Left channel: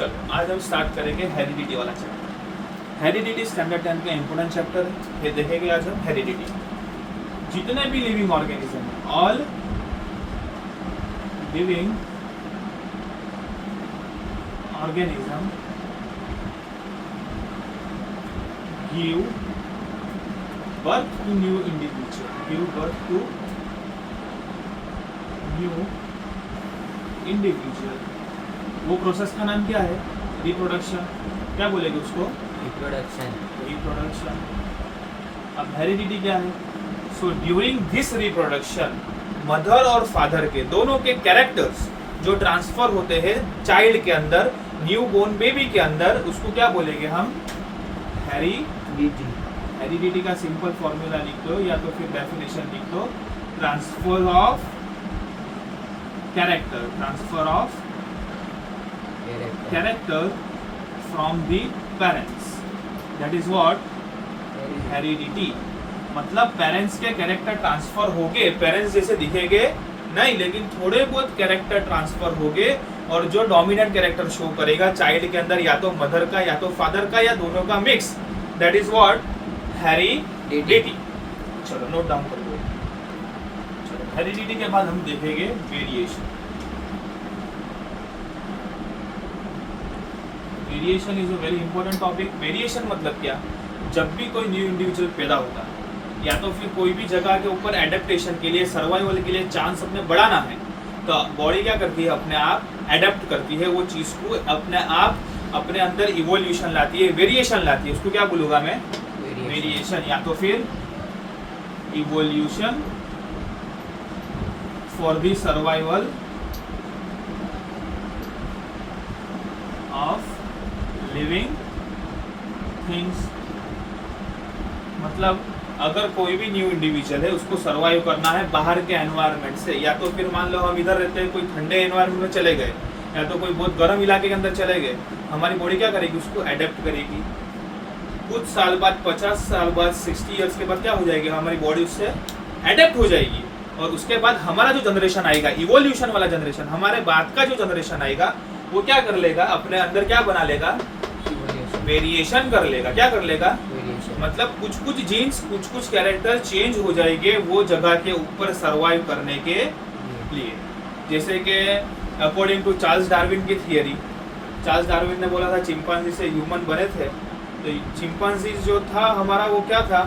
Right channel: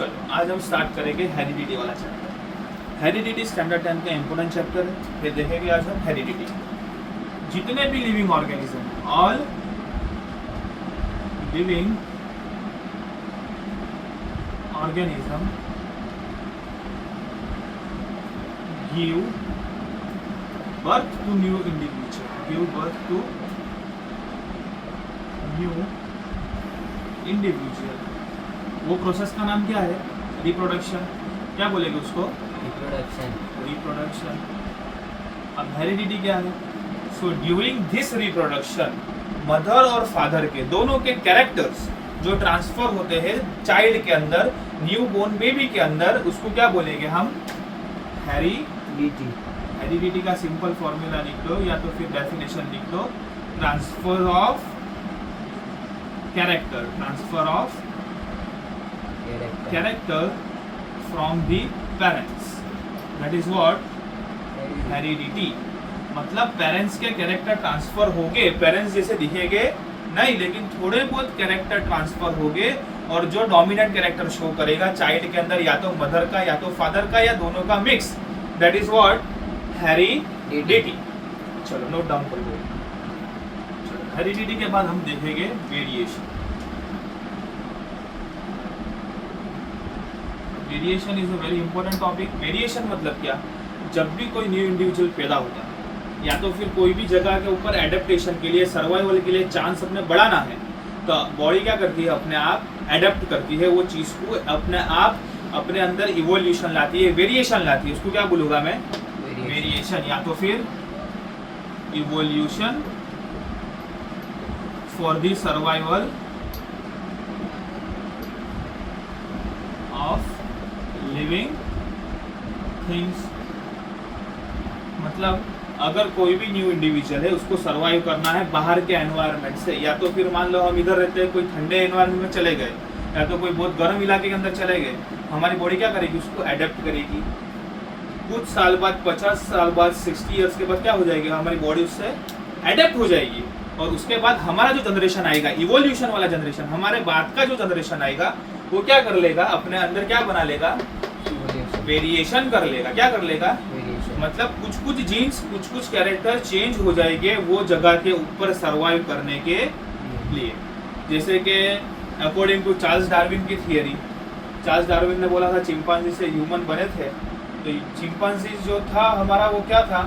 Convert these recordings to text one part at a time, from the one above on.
चलो आज हम स्टार्ट करेंगे हेरिडिटी वाला चैप्टर। हेरिडिटी स्टैंडर्ड 10 का इंपोर्टेंट चैप्टर है। ये देखेंगे आज हम हेरिडिटी। जितने भी living organism, all living organism give birth to new individual, give birth to new individual. वो प्रोसेस का नाम क्या है? रिप्रोडक्शन। क्या बोलेंगे उसको? रिप्रोडक्शन। अब हेरिडिटी क्या है? So during this reproduction mother और फादर के दोनों के कैरेक्टर्स जो ट्रांसफर होते हैं चाइल्ड के अंदर, न्यू बोर्न बेबी के अंदर, उसको क्या बोलेंगे हम? हेरिडिटी। हेरिडिटी का सिंपल फॉर्मूला लिख लो या तो फिर डेफिनेशन लिख लो। Transfer of character, transfer of character from the parents, that is what heredity। मतलब पेरेंट्स के कैरेक्टर ट्रांसफर होगे, पेरेंट्स जैसे दिखेंगे नहीं, लेकिन थोड़े बहुत कैरेक्टर ट्रांसफर होगे और जो डोमिनेंट कैरेक्टर शो करेगा चाइल्ड के अंदर, या तो मदर का या तो फादर का या दोनों का mix, that is what heredity. चलो नोट डाउन कर लो। चलो हेरिडिटी के बाद हम देखेंगे variation. Variation is a very important topic. Variation मतलब क्या? जब भी कोई न्यू इंडिविजुअल पैदा होता है या तो फिर कोई भी जगह के ऊपर एडेप्टेशन के लिए, सर्वाइवल के लिए चांस अपने बढ़ाना है, तो बॉडी क्या करती है? अपने आप एडेप्ट करती है वो चीज को, अपने आप अपने अंदर इवोल्यूशन लाती है, वेरिएशन लाती है। उसको क्या बोलूंगा मैं? वेरिएशन या तो फिर evolution for the survival of living things. मतलब अगर कोई भी न्यू इंडिविजुअल है, उसको सरवाइव करना है बाहर के एनवायरनमेंट से, या तो फिर मान लो हम इधर रहते हैं, कोई ठंडे एनवायरनमेंट में चले गए या तो कोई बहुत गर्म इलाके के अंदर चले गए, हमारी बॉडी क्या करेगी? उसको एडेप्ट करेगी। कुछ साल बाद, 50 साल बाद, 60 इयर्स के बाद क्या हो जाएगी? हमारी बॉडी उससे एडेप्ट हो जाएगी। और उसके बाद हमारा जो जनरेशन आएगा, इवोल्यूशन वाला जनरेशन, हमारे बाद का जो जनरेशन आएगा, वो क्या कर लेगा? अपने अंदर क्या बना लेगा? वेरिएशन कर लेगा। क्या कर लेगा? मतलब कुछ कुछ जीन्स, कुछ कुछ कैरेक्टर चेंज हो जाएंगे वो जगह के ऊपर सरवाइव करने के लिए। जैसे कि अकॉर्डिंग टू चार्ल्स डार्विन की थियरी, चार्ल्स डार्विन ने बोला था चिंपांजी से ह्यूमन बने थे, तो चिंपांजी जो था हमारा वो क्या था?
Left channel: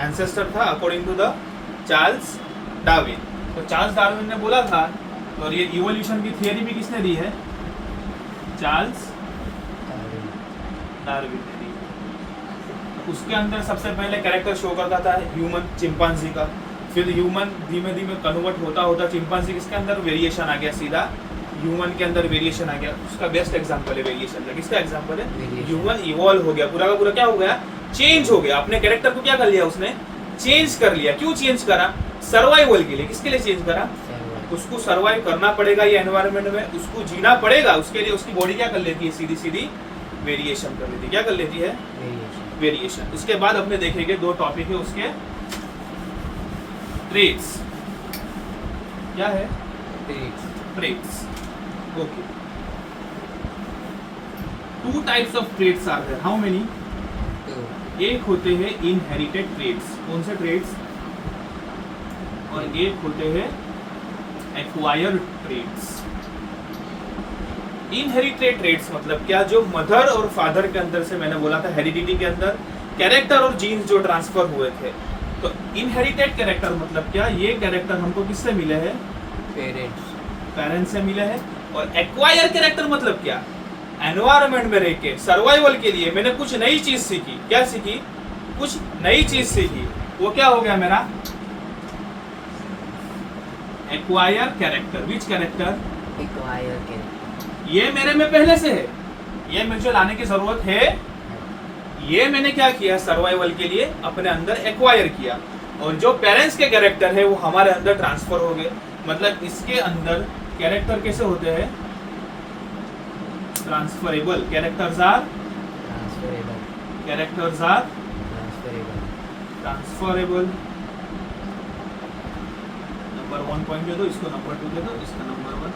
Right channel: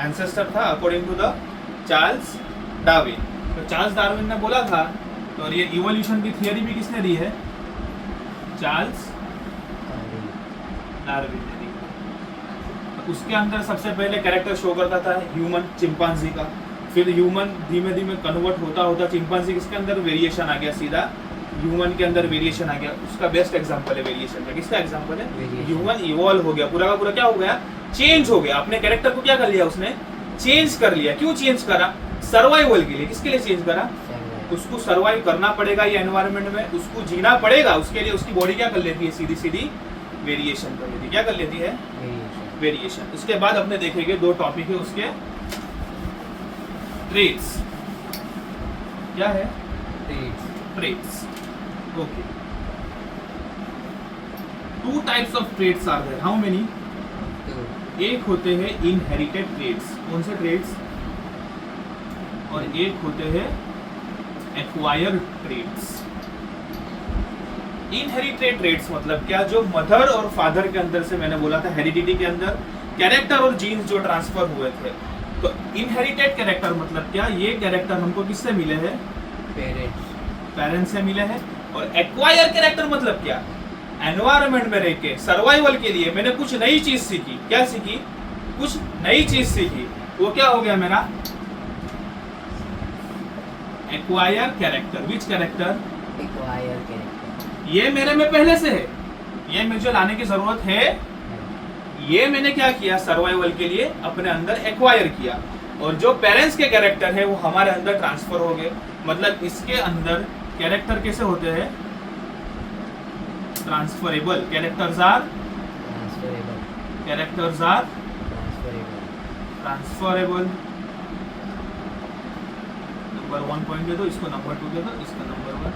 एंसेस्टर था according to the Charles Darwin. तो चार्ल्स डार्विन ने बोला था, और ये इवोल्यूशन की थियरी भी किसने दी है? चार्ल्स डार्विन ने दी। उसके अंदर सबसे पहले कैरेक्टर शो करता था ह्यूमन, चिंपांजी का। फिर ह्यूमन धीमे धीमे कन्वर्ट होता होता चिंपांजी किसके अंदर? वेरिएशन आ गया, सीधा ह्यूमन के अंदर वेरिएशन आ गया। उसका बेस्ट एग्जांपल है वेरिएशन का। किसका एग्जांपल है? ह्यूमन इवॉल्व हो गया, पूरा का पूरा क्या हो गया? चेंज हो गया। अपने कैरेक्टर को क्या कर लिया उसने? चेंज कर लिया। क्यों चेंज करा? सर्वाइवल के लिए। किसके लिए चेंज करा? उसको सर्वाइव करना पड़ेगा ये एनवायरनमेंट में, उसको जीना पड़ेगा, उसके लिए उसकी बॉडी क्या कर लेती है? सीधी सीधी वेरिएशन कर लेती है। क्या कर लेती है? वेरिएशन। उसके बाद अपने देखेंगे दो टॉपिक है उसके, ट्रेट्स। क्या है? Traits. Okay. 2 types of traits are there. How many? एक होते हैं इनहेरिटेड ट्रेट्स। कौन से ट्रेट्स? और एक होते हैं एक्वायर्ड ट्रेट्स। इनहेरिटेड ट्रेट्स मतलब क्या? जो मदर और फादर के अंदर से, मैंने बोला था हेरिडिटी के अंदर कैरेक्टर और जीन्स जो ट्रांसफर हुए थे। तो इनहेरिटेड कैरेक्टर मतलब क्या? ये कैरेक्टर हमको किससे मिले हैं? पेरेंट्स से मिले हैं। और एक्वायर कैरेक्टर मतलब क्या? एनवायरनमेंट में रह के सर्वाइवल के लिए मैंने कुछ नई चीज सीखी। क्या सीखी? कुछ नई चीज सीखी। वो क्या हो गया मेरा? Acquire character. विच कैरेक्टर? Acquire character. ये मेरे में पहले से है, ये मुझे लाने की जरूरत है। ये मैंने क्या किया? सर्वाइवल के लिए अपने अंदर एक्वायर किया। और जो पेरेंट्स के कैरेक्टर है वो हमारे अंदर ट्रांसफर हो गए। मतलब इसके अंदर कैरेक्टर कैसे होते हैं? Transferable. Characters are transferable. Number 1 point दे दो, इसको नंबर 2 दे दो, इसका नंबर 1।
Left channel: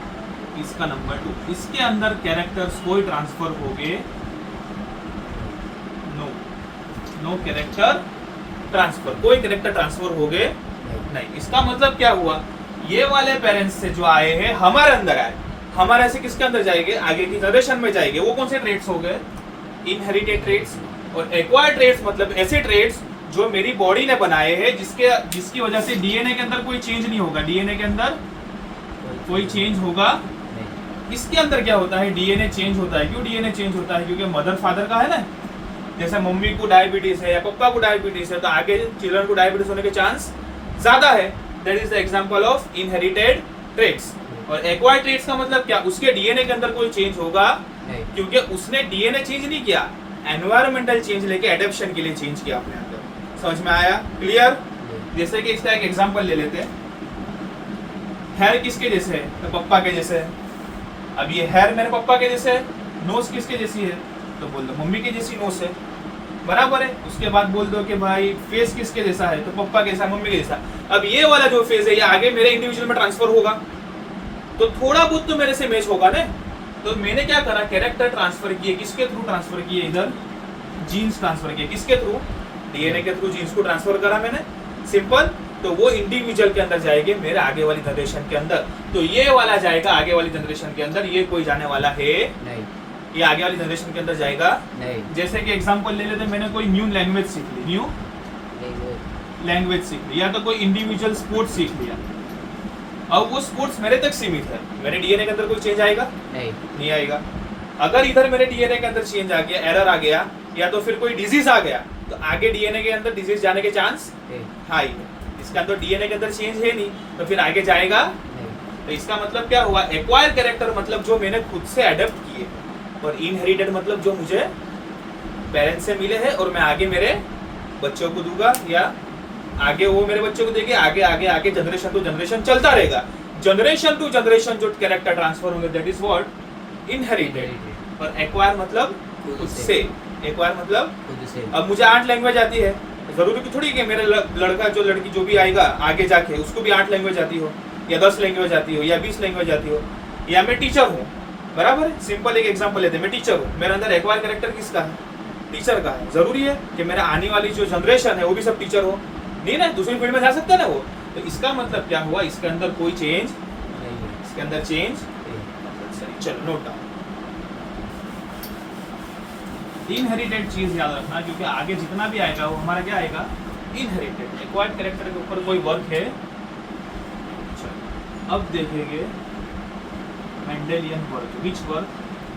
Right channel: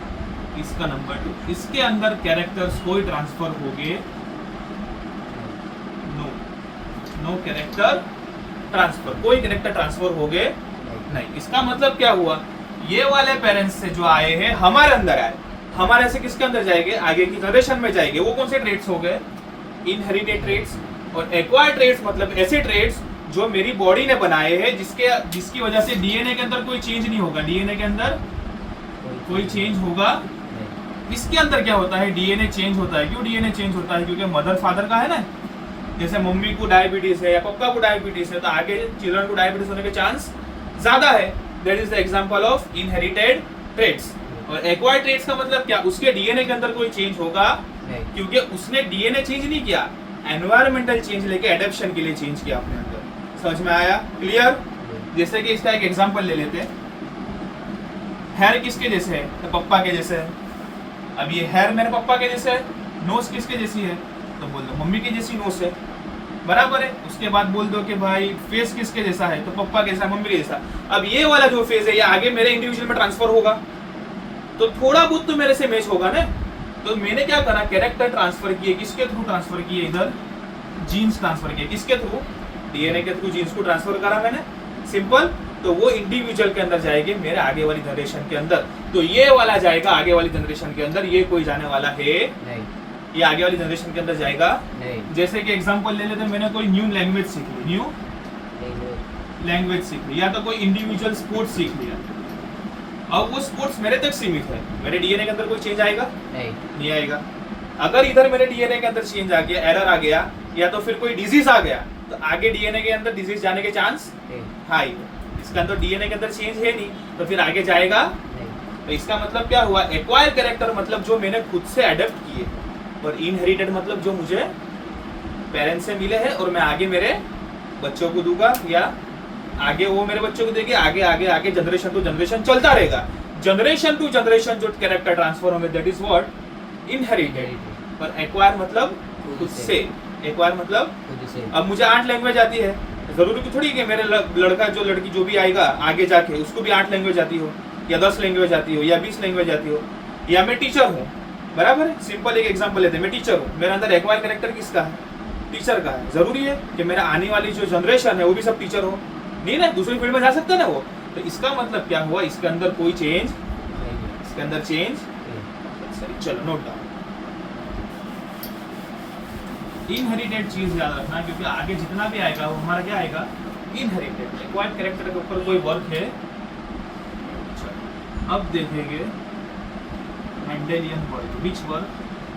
इसका नंबर 2, इसके अंदर कैरेक्टर्स कोई ट्रांसफर हो गए? नो कैरेक्टर ट्रांसफर, कोई कैरेक्टर ट्रांसफर हो गए नहीं। इसका मतलब क्या हुआ, ये वाले पेरेंट्स से जो आए हैं हमारे अंदर आए, हमारे से किसके अंदर जाएंगे? आगे की जनरेशन में जाएंगे। वो कौन से ट्रेड्स हो गए? Inherited traits. और एक्वायर्ड ट्रेड्स मतलब ऐसे ट्रेड्स जो मेरी बॉडी ने बनाए हैं, जिसकी वजह से डीएनए के अंदर कोई चेंज नहीं होगा। डीएनए के अंदर कोई चेंज होगा? इसके अंदर क्या होता है, डीएनए चेंज होता है। क्यों डीएनए चेंज होता है? क्योंकि मदर फादर का है ना। जैसे मम्मी को डायबिटीज है या पापा को डायबिटीज है, तो आगे चिल्ड्रन को डायबिटीज होने के चांस ज्यादा है। That is the example of inherited traits. और एक्वायर्ड ट्रेट्स का मतलब क्या, उसके डीएनए के अंदर कोई चेंज होगा क्योंकि उसने डीएनए चेंज नहीं किया, एनवायरमेंटल चेंज लेके एडेप्शन के लिए चेंज किया अपने अंदर। समझ में आया? क्लियर? जैसे कि इसका एक एग्जांपल ले लेते हैं। हेयर किसके जैसे है? तो पप्पा के जैसे है। अब ये हेयर मेरे पप्पा के जैसे है। नोज किसके जैसी है? तो बोल दो मम्मी के जैसी नोज है, बराबर है। उसके बाद बोल दो कि भाई फेस किसके जैसा है? तो पप्पा के जैसा, मम्मी के जैसा। अब ये वाला जो फेस है ये आगे मेरे इंडिविजुअल में ट्रांसफर होगा, तो थोड़ा बहुत तो मेरे से मैच होगा ना। तो मैंने क्या करा, कैरेक्टर ट्रांसफर किए। किसके थ्रू ट्रांसफर किए? इधर जीन्स ट्रांसफर किए। किसके थ्रू? डीएनए के थ्रू जीन्स को ट्रांसफर करा मैंने, सिंपल। तो वो इंडिविजुअल के अंदर जाएंगे मेरे आगे वाली जनरेशन के अंदर। तो ये वाला जाएगा आगे वाली जनरेशन के अंदर, ये कोई जाने वाला है नहीं। ये आगे वाली जनरेशन के अंदर जाएगा नहीं। जैसे कि एग्जांपल ले लेते, मैंने कोई न्यू लैंग्वेज सीख ली, न्यू लैंग्वेज सीख ली, या तो कोई इंडिविजुअल स्पोर्ट्स सीख लिया। अब वो स्पोर्ट्स मेरे तक सीमित है, मेरे डीएनए के अंदर कोई चेंज आएगा? नहीं आएगा। अगर इधर मेरे डीएनए के अंदर चेंज आ गया, एरर आ गया, या तो फिर कोई डिजीज आ गया, तो आगे डीएनए के अंदर डिजीज जाने के चांस हाई। इसका अंदर डीएनए के अंदर चेंज है नहीं, तो फिर आगे जाएगा नहीं। तो इसका मतलब क्या हुआ, एक्वायर कैरेक्टर मतलब जो मैंने खुद से अडेप्ट किए, और इनहेरिटेड मतलब जो मुझे पेरेंट्स से मिले हैं और मैं आगे मेरे बच्चों को दूंगा, या आगे वो मेरे बच्चों को देंगे। आगे आगे आगे जनरेशन टू जनरेशन चलता रहेगा। जनरेशन टू जनरेशन जो कैरेक्टर ट्रांसफर होंगे, दैट इज व्हाट इनहेरिटेड। पर एक्वायर मतलब खुद से, एक्वायर मतलब खुद से। अब मुझे 8 लैंग्वेज आती है, जरूरी की थोड़ी कि मेरे लड़का जो लड़की जो भी आएगा आगे जाके उसको भी 8 लैंग्वेज आती हो, या 10 लैंग्वेज आती हो, या 20 लैंग्वेज आती हो। या मैं टीचर हूँ, बराबर है। सिंपल एक एग्जांपल लेते हैं, मैं टीचर हूँ, मेरे अंदर एक्वायर कैरेक्टर किसका है? टीचर का है। जरूरी है कि मेरा आने वाली जो जनरेशन है वो भी सब टीचर हो? नहीं ना, दूसरी फील्ड में जा सकता है ना वो। तो इसका मतलब क्या हुआ, इसके अंदर कोई चेंज, इसके अंदर चेंज। चलो नोट डाउन। इनहेरिटेड चीज याद रखना, क्योंकि आगे जितना भी आएगा वो हमारा क्या आएगा, इनहेरिटेड। एक्वायर्ड कैरेक्टर के ऊपर कोई वर्क है? अब देखेंगे Mendelian work. Which work?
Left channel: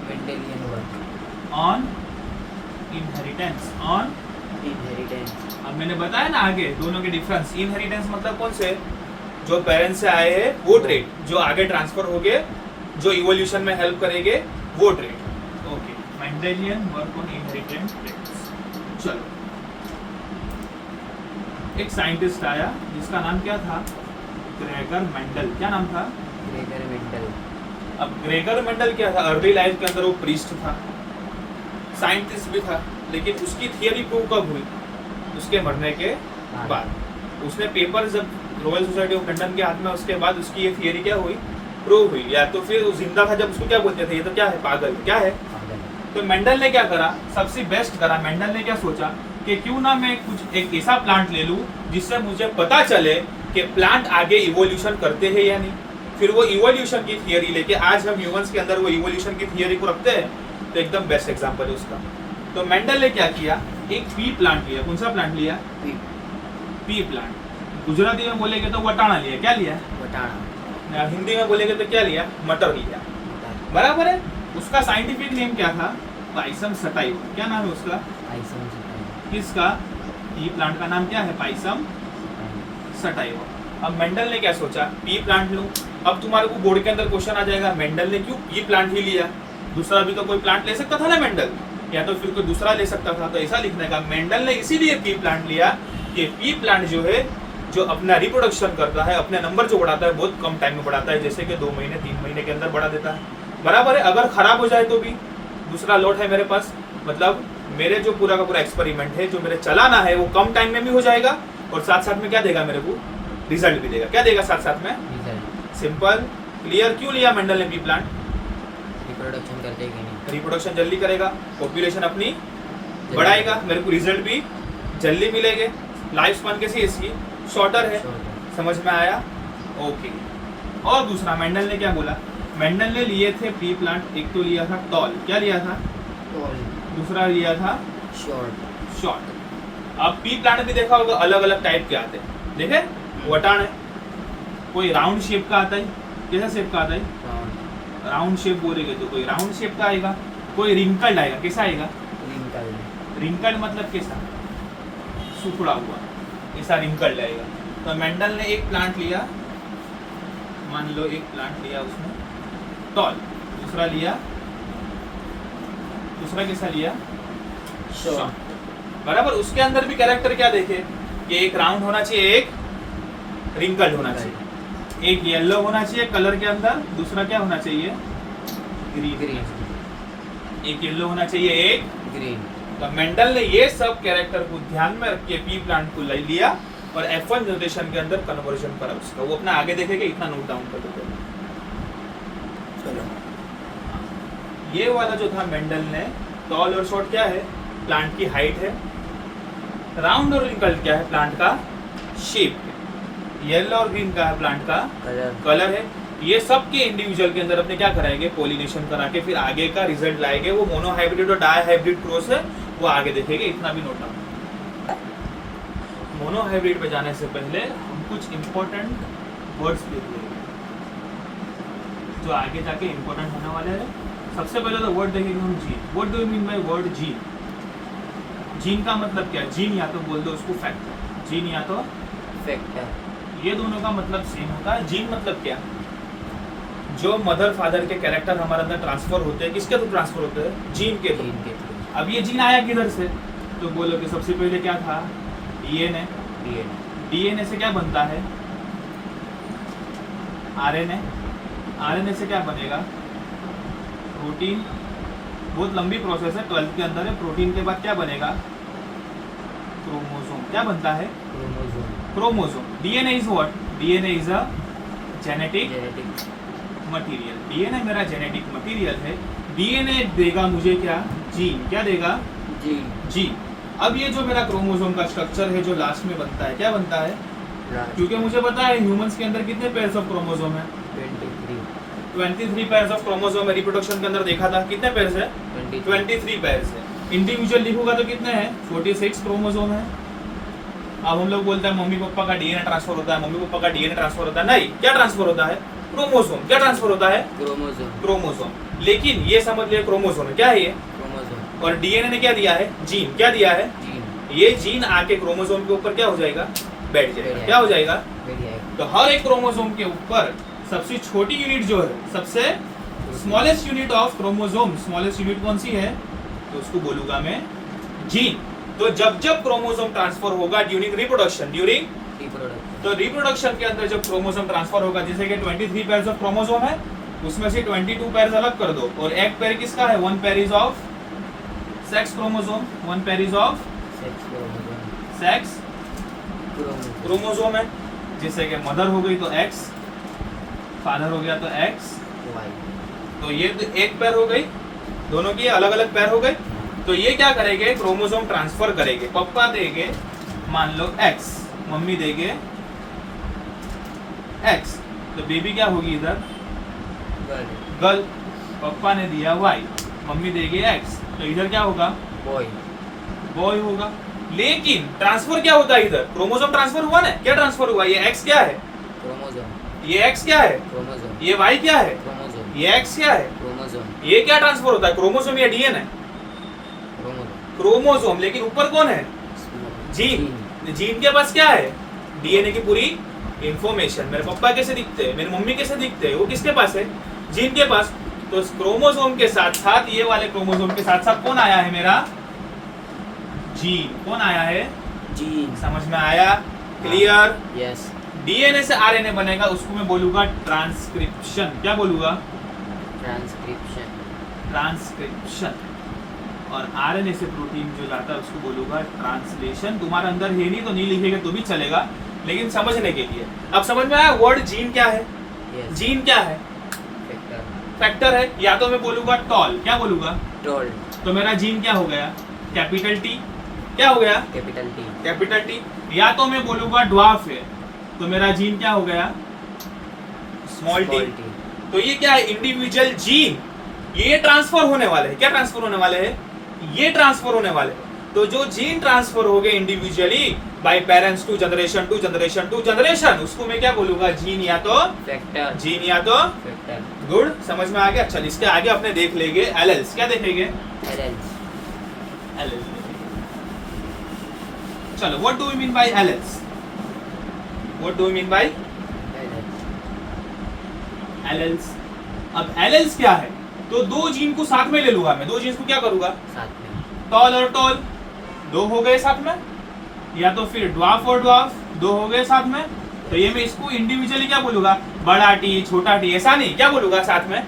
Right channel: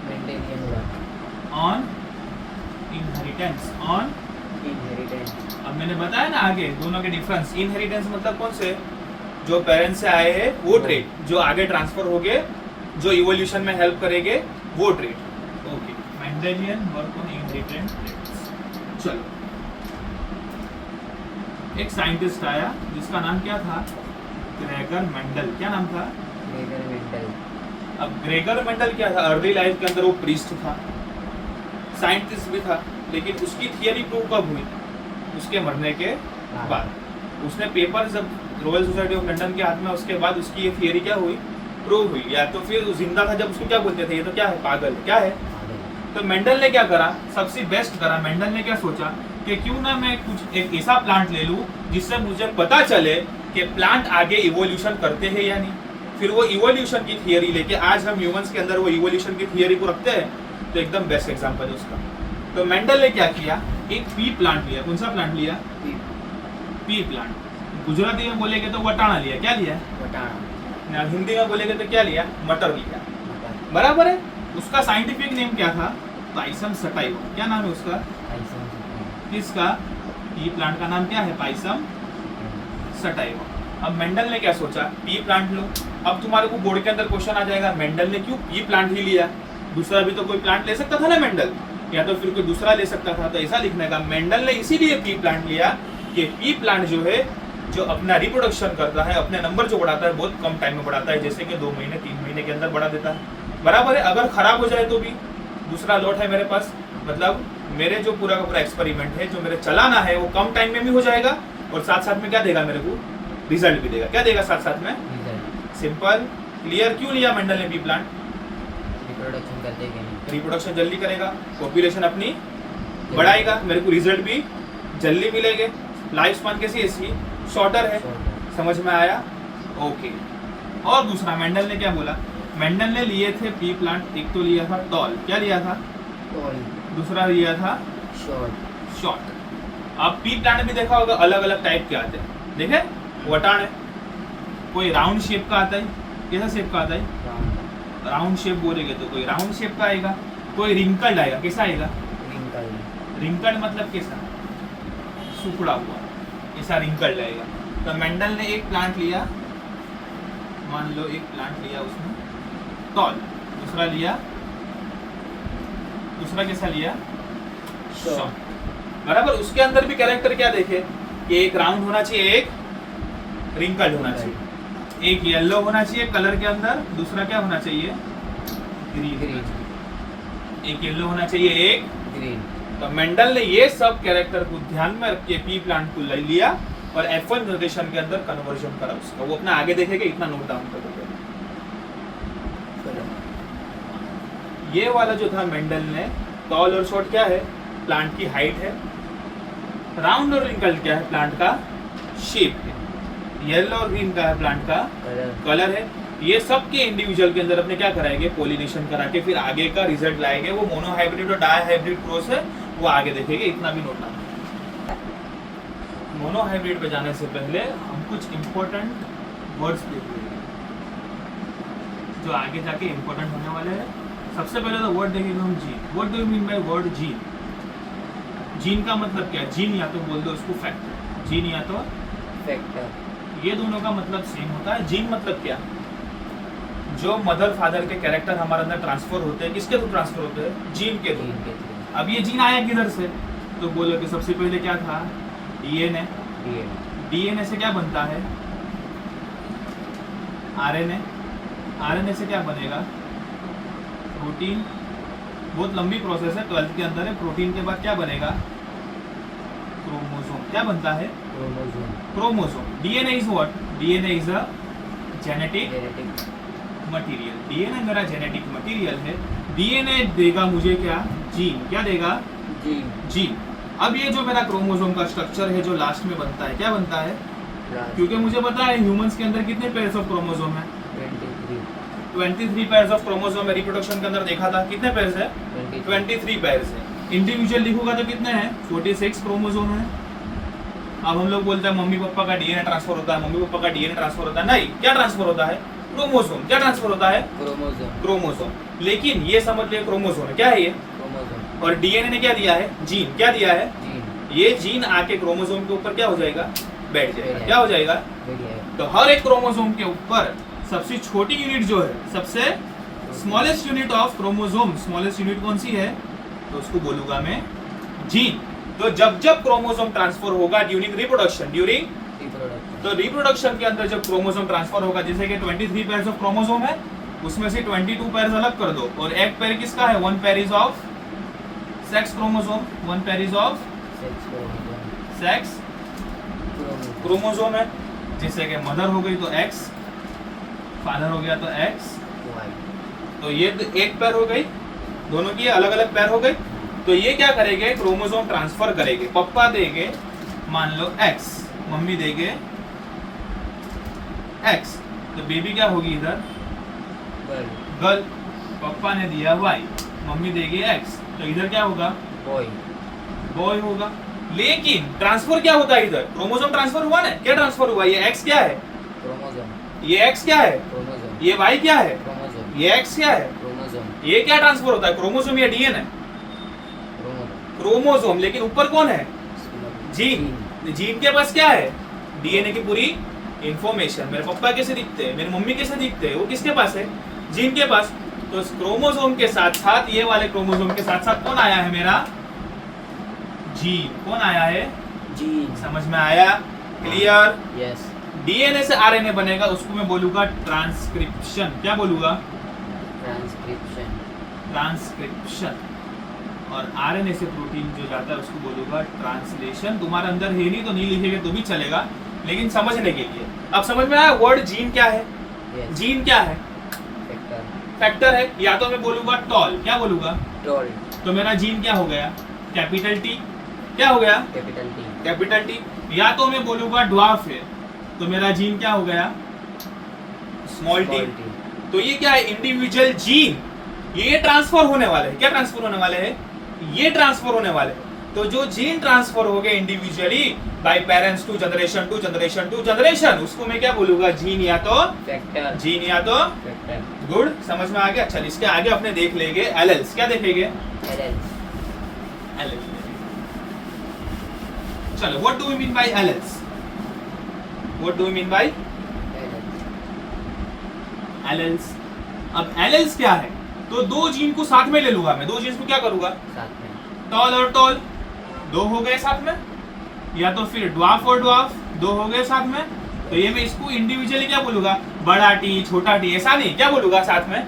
Mendelian work on inheritance, on inheritance. अब मैंने बताया ना आगे दोनों के डिफरेंस। इनहेरिटेंस मतलब कौन से, जो पेरेंट्स से आए हैं वो ट्रेड, जो आगे ट्रांसफर हो गए, जो इवोल्यूशन में हेल्प करेंगे वो trait. Okay, Mendelian work on inheritance traits. चलो, एक साइंटिस्ट आया जिसका नाम क्या था, ग्रेगर मेंडल। क्या नाम था? Gregor Mendel. अब ग्रेगर मेंडल क्या था, अर्ली लाइफ के अंदर वो प्रीस्ट था, साइंटिस्ट भी था, लेकिन उसकी थियरी प्रूव कब हुई, उसके मरने के बाद। उसने पेपर जब रॉयल सोसाइटी ऑफ लंदन के हाथ में, उसके बाद उसकी ये थियरी क्या हुई, प्रूव हुई। या तो फिर जिंदा था जब उसको क्या बोलते थे, ये तो क्या है, पागल, क्या है। तो मेंडल ने क्या करा, सबसे बेस्ट करा। मेंडल ने क्या सोचा कि क्यों ना मैं कुछ एक ऐसा प्लांट ले लूं जिससे मुझे पता चले कि प्लांट आगे इवोल्यूशन करते हैं या नहीं। फिर वो इवोल्यूशन की थियरी लेके आज हम ह्यूमंस के अंदर वो इवोल्यूशन की थियरी को रखते हैं, तो एकदम बेस्ट एग्जांपल है उसका। तो मेंडल ने क्या किया, एक पी प्लांट लिया। कौन सा प्लांट लिया? P plant. गुजराती में बोलेंगे तो वटाना लिया। क्या लिया? वटाना। हिंदी में बोलेंगे तो क्या लिया? मटर लिया, बराबर है। उसका साइंटिफिक नेम क्या था? Pisum sativa. क्या नाम है उसका? किसका? पी प्लांट का नाम क्या है? Pisum sativa. अब मेंडल ने क्या सोचा, पी प्लांट लूं। अब तुम्हारे को बोर्ड के अंदर क्वेश्चन आ जाएगा, मेंडल ने क्यों पी प्लांट ही लिया, दूसरा भी तो कोई प्लांट ले सकता था ना मेंडल, या तो फिर कोई दूसरा ले सकता था। तो ऐसा लिखने का, मेंडल ने इसीलिए पी प्लांट लिया कि पी प्लांट जो है, जो अपना रिप्रोडक्शन करता है, अपने नंबर जो बढ़ाता है बहुत कम टाइम में बढ़ाता है, जैसे कि 2 महीने 3 महीने के अंदर बढ़ा देता है, बराबर है। अगर खराब हो जाए तो भी दूसरा लॉट है मेरे पास, मतलब मेरे जो पूरा का पूरा एक्सपेरिमेंट है जो मेरे चलाना है वो कम टाइम में भी हो जाएगा, और साथ साथ में क्या देगा मेरे को, रिजल्ट भी देगा। क्या देगा साथ साथ में? Simple, clear? क्यों लिया मेंडल ने पी प्लांट? रिप्रोडक्शन कर देगा नहीं। रिप्रोडक्शन जल्दी करेगा, पॉपुलेशन अपनी बढ़ाएगा, मेरे को रिजल्ट भी जल्दी मिलेंगे, लाइफ स्पैन कैसी है इसकी? शॉर्टर है। समझ में आया? ओके। और दूसरा मेंडल ने क्या बोला? मेंडल ने लिए थे पी प्लांट, एक तो लिया था टॉल, क्या लिया था? दूसरा लिया था शॉर्ट। अब पी प्लांट भी देखा होगा अलग अलग टाइप के आते हैं, देखे? वटान है, कोई राउंड शेप का आता है, कैसा शेप का आता है? राउंड शेप बोलेंगे तो कोई राउंड शेप का आएगा, कोई रिंकल्ड आएगा, कैसा आएगा? रिंकल्ड मतलब कैसा? सुखड़ा हुआ, ऐसा रिंकल्ड आएगा। तो मेंडल ने एक प्लांट लिया, मान लो एक प्लांट लिया उसने टॉल, दूसरा कैसा लिया? शॉर्ट। बराबर। उसके अंदर भी कैरेक्टर क्या देखे कि एक राउंड होना चाहिए, एक रिंकल्ड होना चाहिए, एक येलो होना चाहिए कलर के अंदर, दूसरा क्या होना चाहिए? ग्रीन। एक येलो होना चाहिए, एक ग्रीन। तो मेंडल ने ये सब कैरेक्टर को ध्यान में रख के पी प्लांट को ले लिया और F1 जनरेशन के अंदर कन्वर्जन करा उसका। वो अपना आगे देखेगा, इतना नोट डाउन कर दो। ये वाला जो था मेंडल ने, टॉल और शॉर्ट क्या है? प्लांट की हाइट है। राउंड और रिंकल्ड क्या है? प्लांट का शेप है। येलो और ग्रीन का है प्लांट का कलर है। ये सब के इंडिविजुअल के अंदर अपने क्या कराएंगे? पोलिनेशन करा के फिर आगे का रिजल्ट लाएंगे। वो मोनोहाइब्रिड और डायहाइब्रिड क्रॉस है, वो आगे देखेंगे, इतना भी नोट डाउन। मोनोहाइब्रिड पे जाने से पहले हम कुछ इंपॉर्टेंट वर्ड्स देख लेंगे जो आगे जाके इंपॉर्टेंट होने वाले हैं। सबसे पहले तो वर्ड देखेंगे हम gene. What do you mean by word gene? Gene का मतलब क्या है? जीन या तो बोल दो उसको फैक्ट, जीन या तो फैक्टर। ये दोनों का मतलब सेम होता है। जीन मतलब क्या? जो मदर फादर के कैरेक्टर हमारे अंदर ट्रांसफर होते हैं, किसके थ्रू ट्रांसफर होते हैं? जीन के थ्रू। अब ये जीन आया किधर से? तो बोलो कि सबसे पहले क्या था? डीएनए। डीएनए से क्या बनता है? आरएनए। आरएनए से क्या बनेगा? प्रोटीन। बहुत लंबी प्रोसेस है, 12th के अंदर है। प्रोटीन के बाद क्या बनेगा? क्रोमोसोम। क्या बनता है? Chromosome. DNA is what? DNA is a genetic material. DNA मेरा जेनेटिक मटेरियल है। डीएनए देगा मुझे क्या? जीन। क्या देगा? जीन। अब ये जो मेरा क्रोमोसोम का स्ट्रक्चर है जो लास्ट में बनता है, क्या बनता है? क्योंकि मुझे पता है ह्यूमंस के अंदर कितने पेयर्स ऑफ क्रोमोसोम है? 23 पेयर्स ऑफ क्रोमोसोम है। रिप्रोडक्शन के अंदर देखा था कितने पेयर्स है? 23 पेयर्स है। इंडिविजुअल लिखूंगा तो कितने हैं? 46 क्रोमोसोम है। अब हम लोग बोलते हैं मम्मी पापा का डीएनए ट्रांसफर होता है, मम्मी पापा का डीएनए ट्रांसफर होता है। नहीं, क्या ट्रांसफर होता है? क्रोमोसोम। क्या ट्रांसफर होता है? क्रोमोसोम। लेकिन ये समझ लिया क्रोमोसोम है, क्या है ये? और डीएनए ने क्या दिया है? जीन। क्या दिया है? ये जीन आके क्रोमोसोम के ऊपर क्या हो जाएगा? बैठ जाएगा। क्या हो जाएगा? तो हर एक क्रोमोसोम के ऊपर सबसे छोटी यूनिट जो है, सबसे smallest unit of chromosome, smallest unit कौन सी है? तो उसको बोलूंगा मैं जीन। तो जब जब क्रोमोसोम ट्रांसफर होगा ड्यूरिंग रिप्रोडक्शन, तो रिप्रोडक्शन के अंदर जब क्रोमोसोम ट्रांसफर होगा, जैसे कि 23 पेयर्स ऑफ क्रोमोसोम है, उसमें से 22 पेयर्स अलग कर दो और एक पेयर किसका है? 1 pair is of sex chromosome, 1 pair is of sex chromosome है। जैसे कि मदर हो गई तो एक्स, फादर हो गया तो एक्स, तो ये एक पैर हो गई, दोनों की अलग अलग पैर हो गई। तो ये क्या करेंगे? क्रोमोसोम ट्रांसफर करेंगे। पापा देंगे मान लो एक्स, मम्मी देंगे एक्स, तो बेबी क्या होगी इधर? गर्ल। पापा ने दिया वाई, मम्मी देगी एक्स, तो इधर क्या होगा? बॉय होगा। लेकिन ट्रांसफर क्या होता है इधर? क्रोमोसोम ट्रांसफर हुआ ना? क्या ट्रांसफर हुआ? ये एक्स क्या है? ये एक्स क्या है? ये वाई क्या है? ये एक्स क्या है? ये क्या ट्रांसफर होता है? क्रोमोसोम या डीएनए? क्रोमोसोम। लेकिन ऊपर कौन है? जीन। जीन के पास क्या है? डीएनए की पूरी इंफॉर्मेशन। मेरे पापा कैसे दिखते हैं, मेरी मम्मी कैसे दिखते हैं, वो किसके पास है? जीन के पास। तो क्रोमोसोम के साथ साथ, ये वाले क्रोमोसोम के साथ साथ कौन आया है मेरा? जीन। कौन आया है? जीन। समझ में आया? क्लियर? यस। डीएनए से आरएनए बनेगा, उसको मैं बोलूंगा ट्रांसक्रिप्शन। क्या बोलूंगा? ट्रांसक्रिप्शन। और आरएनए से प्रोटीन जो जाता है उसको बोलूंगा ट्रांसलेशन। तुम्हारे अंदर है नहीं तो नहीं लिखेंगे तो भी चलेगा, लेकिन समझने के लिए। अब समझ में आया वर्ड जीन क्या है? जीन क्या है? फैक्टर है, या तो मैं बोलूंगा टॉल, क्या बोलूंगा, टॉल, तो मेरा जीन क्या हो गया, कैपिटल टी, क्या हो गया, कैपिटल टी, कैपिटल टी। या तो मैं बोलूंगा ड्वार्फ है, तो मेरा जीन क्या हो गया, स्मॉल टी। तो ये क्या है, इंडिविजुअल जीन, ये ट्रांसफर होने वाले हैं, क्या ट्रांसफर होने वाले हैं, ये ट्रांसफर होने वाले हैं। तो जो जीन ट्रांसफर हो गए individually by parents to generation to generation to generation, उसको मैं क्या बोलूंगा, जीन या तो फैक्टर, जीन या तो फैक्टर, गुड, समझ में आ गया। अच्छा, इसके आगे अपने देख लेंगे एलेल्स, क्या देखेंगे, एलेल्स, एलेल्स। चलो, what do we mean by alleles, what do we mean by alleles, alleles. अब एलेल्स क्या है, तो दो जीन को साथ में ले लूंगा मैं, दो जीन को क्या करूंगा, साथ में, टॉल और टॉल, दो हो गए साथ में, या तो फिर ड्वार्फ और ड्वार्फ, दो हो गए साथ में। तो ये मैं इसको इंडिविजुअली क्या बोलूंगा, बड़ा टी छोटा टी, ऐसा नहीं, क्या बोलूंगा साथ में,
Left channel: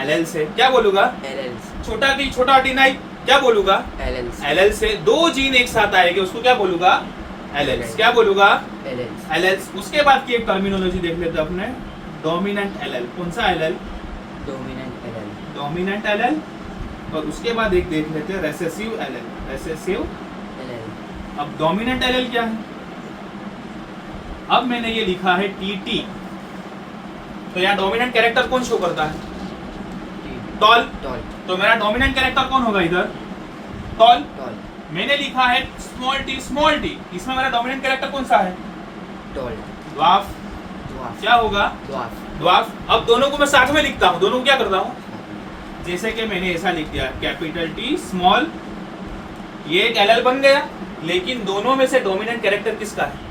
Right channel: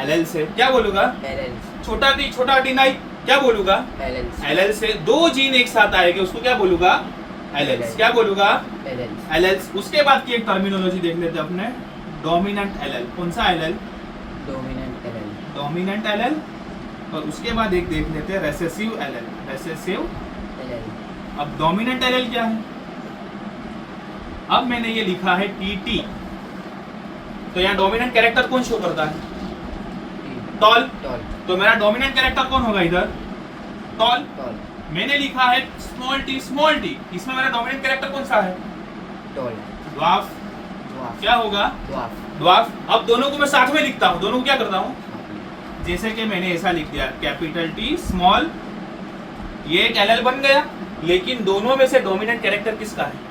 एलएल से, क्या बोलूंगा, एलेल्स, छोटा टी छोटा टी नहीं, क्या बोलूंगा, एलेल्स, एलएल से। दो जीन एक साथ आएंगे, उसको क्या बोलूंगा, एलएल्स, क्या बोलूंगा, एलेल्स, एलएल्स। उसके बाद की एक टर्मिनोलॉजी देख लेते हैं अपने, डोमिनेंट एलएल। कौन सा LL, dominant allele, dominant LL. और उसके बाद एक देख लेते हैं रेसेसिव एलएल, रेसेसिव। एलेल, अब डोमिनेंट एलएल क्या है, अब मैंने ये लिखा है टीटी, तो यहाँ डोमिनेंट कैरेक्टर कौन शो करता है, टी, टॉल। टॉल, तो मेरा डोमिनेंट कैरेक्टर कौन होगा इधर, टॉल। टॉल, मैंने लिखा है स्मॉल टी, स्मॉल टी, इसमें मेरा डोमिनेंट कैरेक्टर कौन सा है, टॉल, ड्वार्फ, ड्वार्फ, क्या होगा, ड्वार्फ, ड्वार्फ। अब दोनों को मैं साथ में लिखता हूँ, दोनों को क्या करता हूँ, जैसे कि मैंने ऐसा लिख दिया, कैपिटल टी स्मॉल, ये एक एलएल बन गया, लेकिन दोनों में से डोमिनेंट कैरेक्टर किसका है,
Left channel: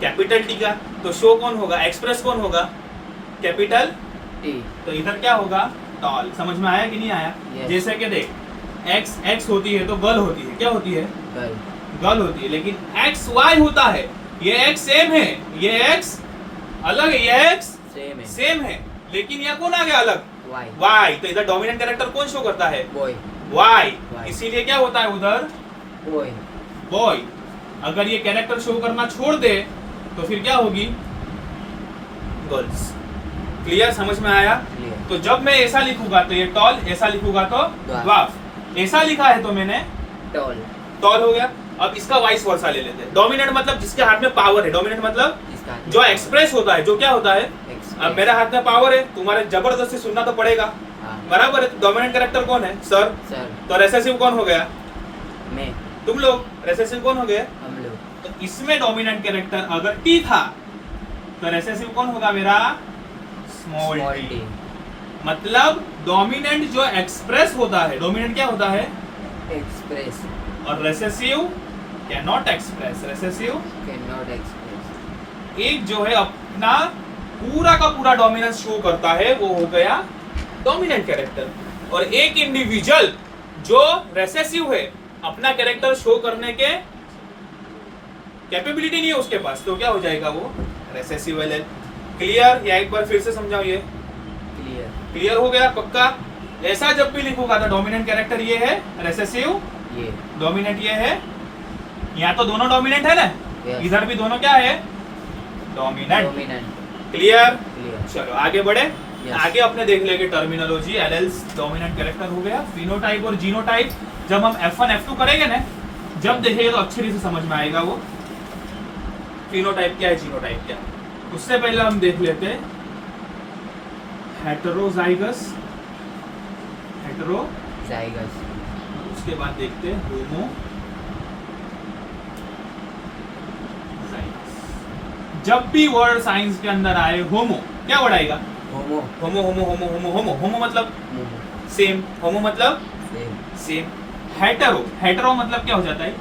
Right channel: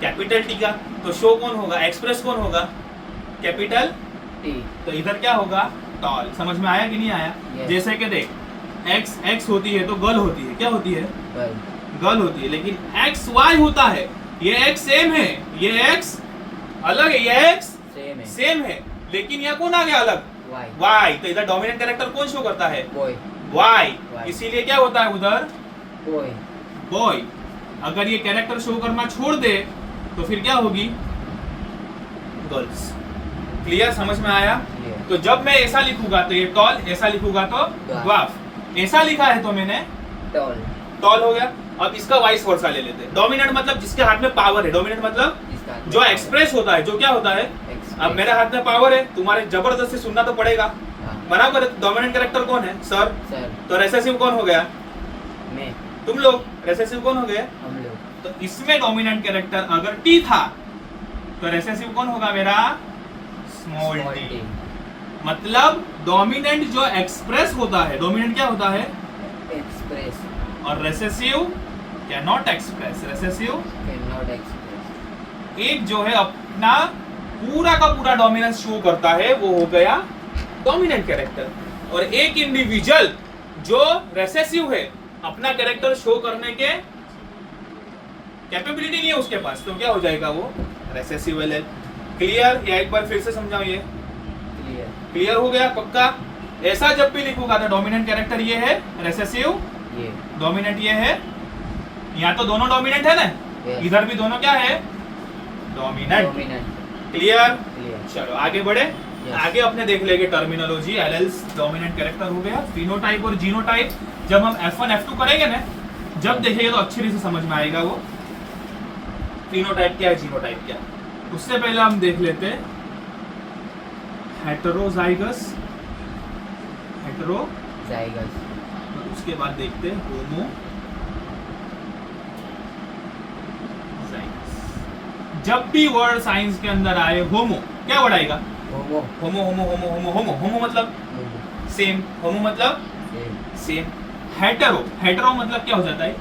कैपिटल टी का। तो शो कौन होगा, एक्सप्रेस कौन होगा, कैपिटल टी, तो इधर क्या होगा, टॉल। समझ में आया कि नहीं आया, Yes. जैसे कि देख, एक्स एक्स होती है तो गर्ल होती है, क्या होती है, गर्ल, गर्ल होती है, लेकिन एक्स वाई होता है, ये एक्स सेम है, ये एक्स अलग है, ये एक्स सेम है, सेम है, लेकिन यहाँ कौन आ गया अलग, वाई, वाई। तो इधर डोमिनेंट कैरेक्टर कौन शो करता है, बॉय, वाई, Y. इसीलिए क्या होता है उधर, बॉय, बॉय। अगर ये कैरेक्टर शो करना छोड़ दे तो फिर क्या होगी, गर्ल्स। क्लियर, समझ में आया। क्लियर, तो जब मैं ऐसा लिखूंगा तो ये टॉल, ऐसा लिखूंगा तो ड्वार्फ, ऐसा लिखा है तो मैंने टॉल, टॉल हो गया। अब इसका वाइस वर्सा ले लेते हैं, डोमिनेंट मतलब जिसके हाथ में पावर है, डोमिनेंट मतलब इसका जो एक्सप्रेस होता है, जो क्या होता है। एक्सप्रेस, अब मेरे हाथ में पावर है, तुम्हारे जबरदस्ती सुनना तो पड़ेगा, हाँ, बराबर है। डोमिनेंट कैरेक्टर कौन है, सर। सर, तो रेसेसिव कौन हो गया, मैं, तुम लोग। रेसेसिव कौन हो गए, हम लोग, तो इसमें डोमिनेंट कैरेक्टर अगर टी था तो रेसेसिव कौन होगा मेरा, स्मॉल स्मॉल टी। टी, मतलब डोमिनेंट जो एक्सप्रेस होता है, डोमिनेंट क्या होता है, एक्सप्रेस, और recessive can not express, recessive can not express, एक जो है अपना पूरा का पूरा डोमिनेंस शो करता है, वो हो गया डोमिनेंट कैरेक्टर। और एक इंडिविजुअल जो रेसेसिव है, अपना कैरेक्टर शो करने के कैपेबिलिटी नहीं है उसके पास, तो क्या हो जाएगा वो, रेसेसिव एलएल। क्लियर, या एक बार फिर से समझाओ, ये क्लियर, क्लियर हो गया, पक्का। ऐसा जब भी लिखूंगा तो डोमिनेंट कैरेक्टर ये है, रेसेसिव ये, डोमिनेंट ये है, यहाँ तो दोनों डोमिनेंट है ना, Yes. इधर भी दोनों क्या है, डोमिनेंट। डोमिनेंट, क्लियर, क्लियर, चलो आगे बढ़े। Yes. आगे अपने देख लेंगे टर्मिनोलॉजी, एलएल्स डोमिनेंट कैरेक्टर हो गया, फिनोटाइप और जीनोटाइप। जब हम F1 F2 करेंगे ना, जब देखेंगे तो अच्छे से समझ में आएगा वो फिनोटाइप क्या है, जीनोटाइप क्या है। उससे पहले हम देख लेते हैं हेटेरोजाइगस, हेटेरो, जाइगस, उसके बाद देखते हैं होमो। जब भी वर्ड साइंस के अंदर आए होमो, क्या वर्ड आएगा, होमो, होमो होमो होमो होमो होमो। होमो मतलब होमो, सेम, होमो मतलब सेम, सेम। हेटेरो, हेटेरो मतलब क्या हो जाता है,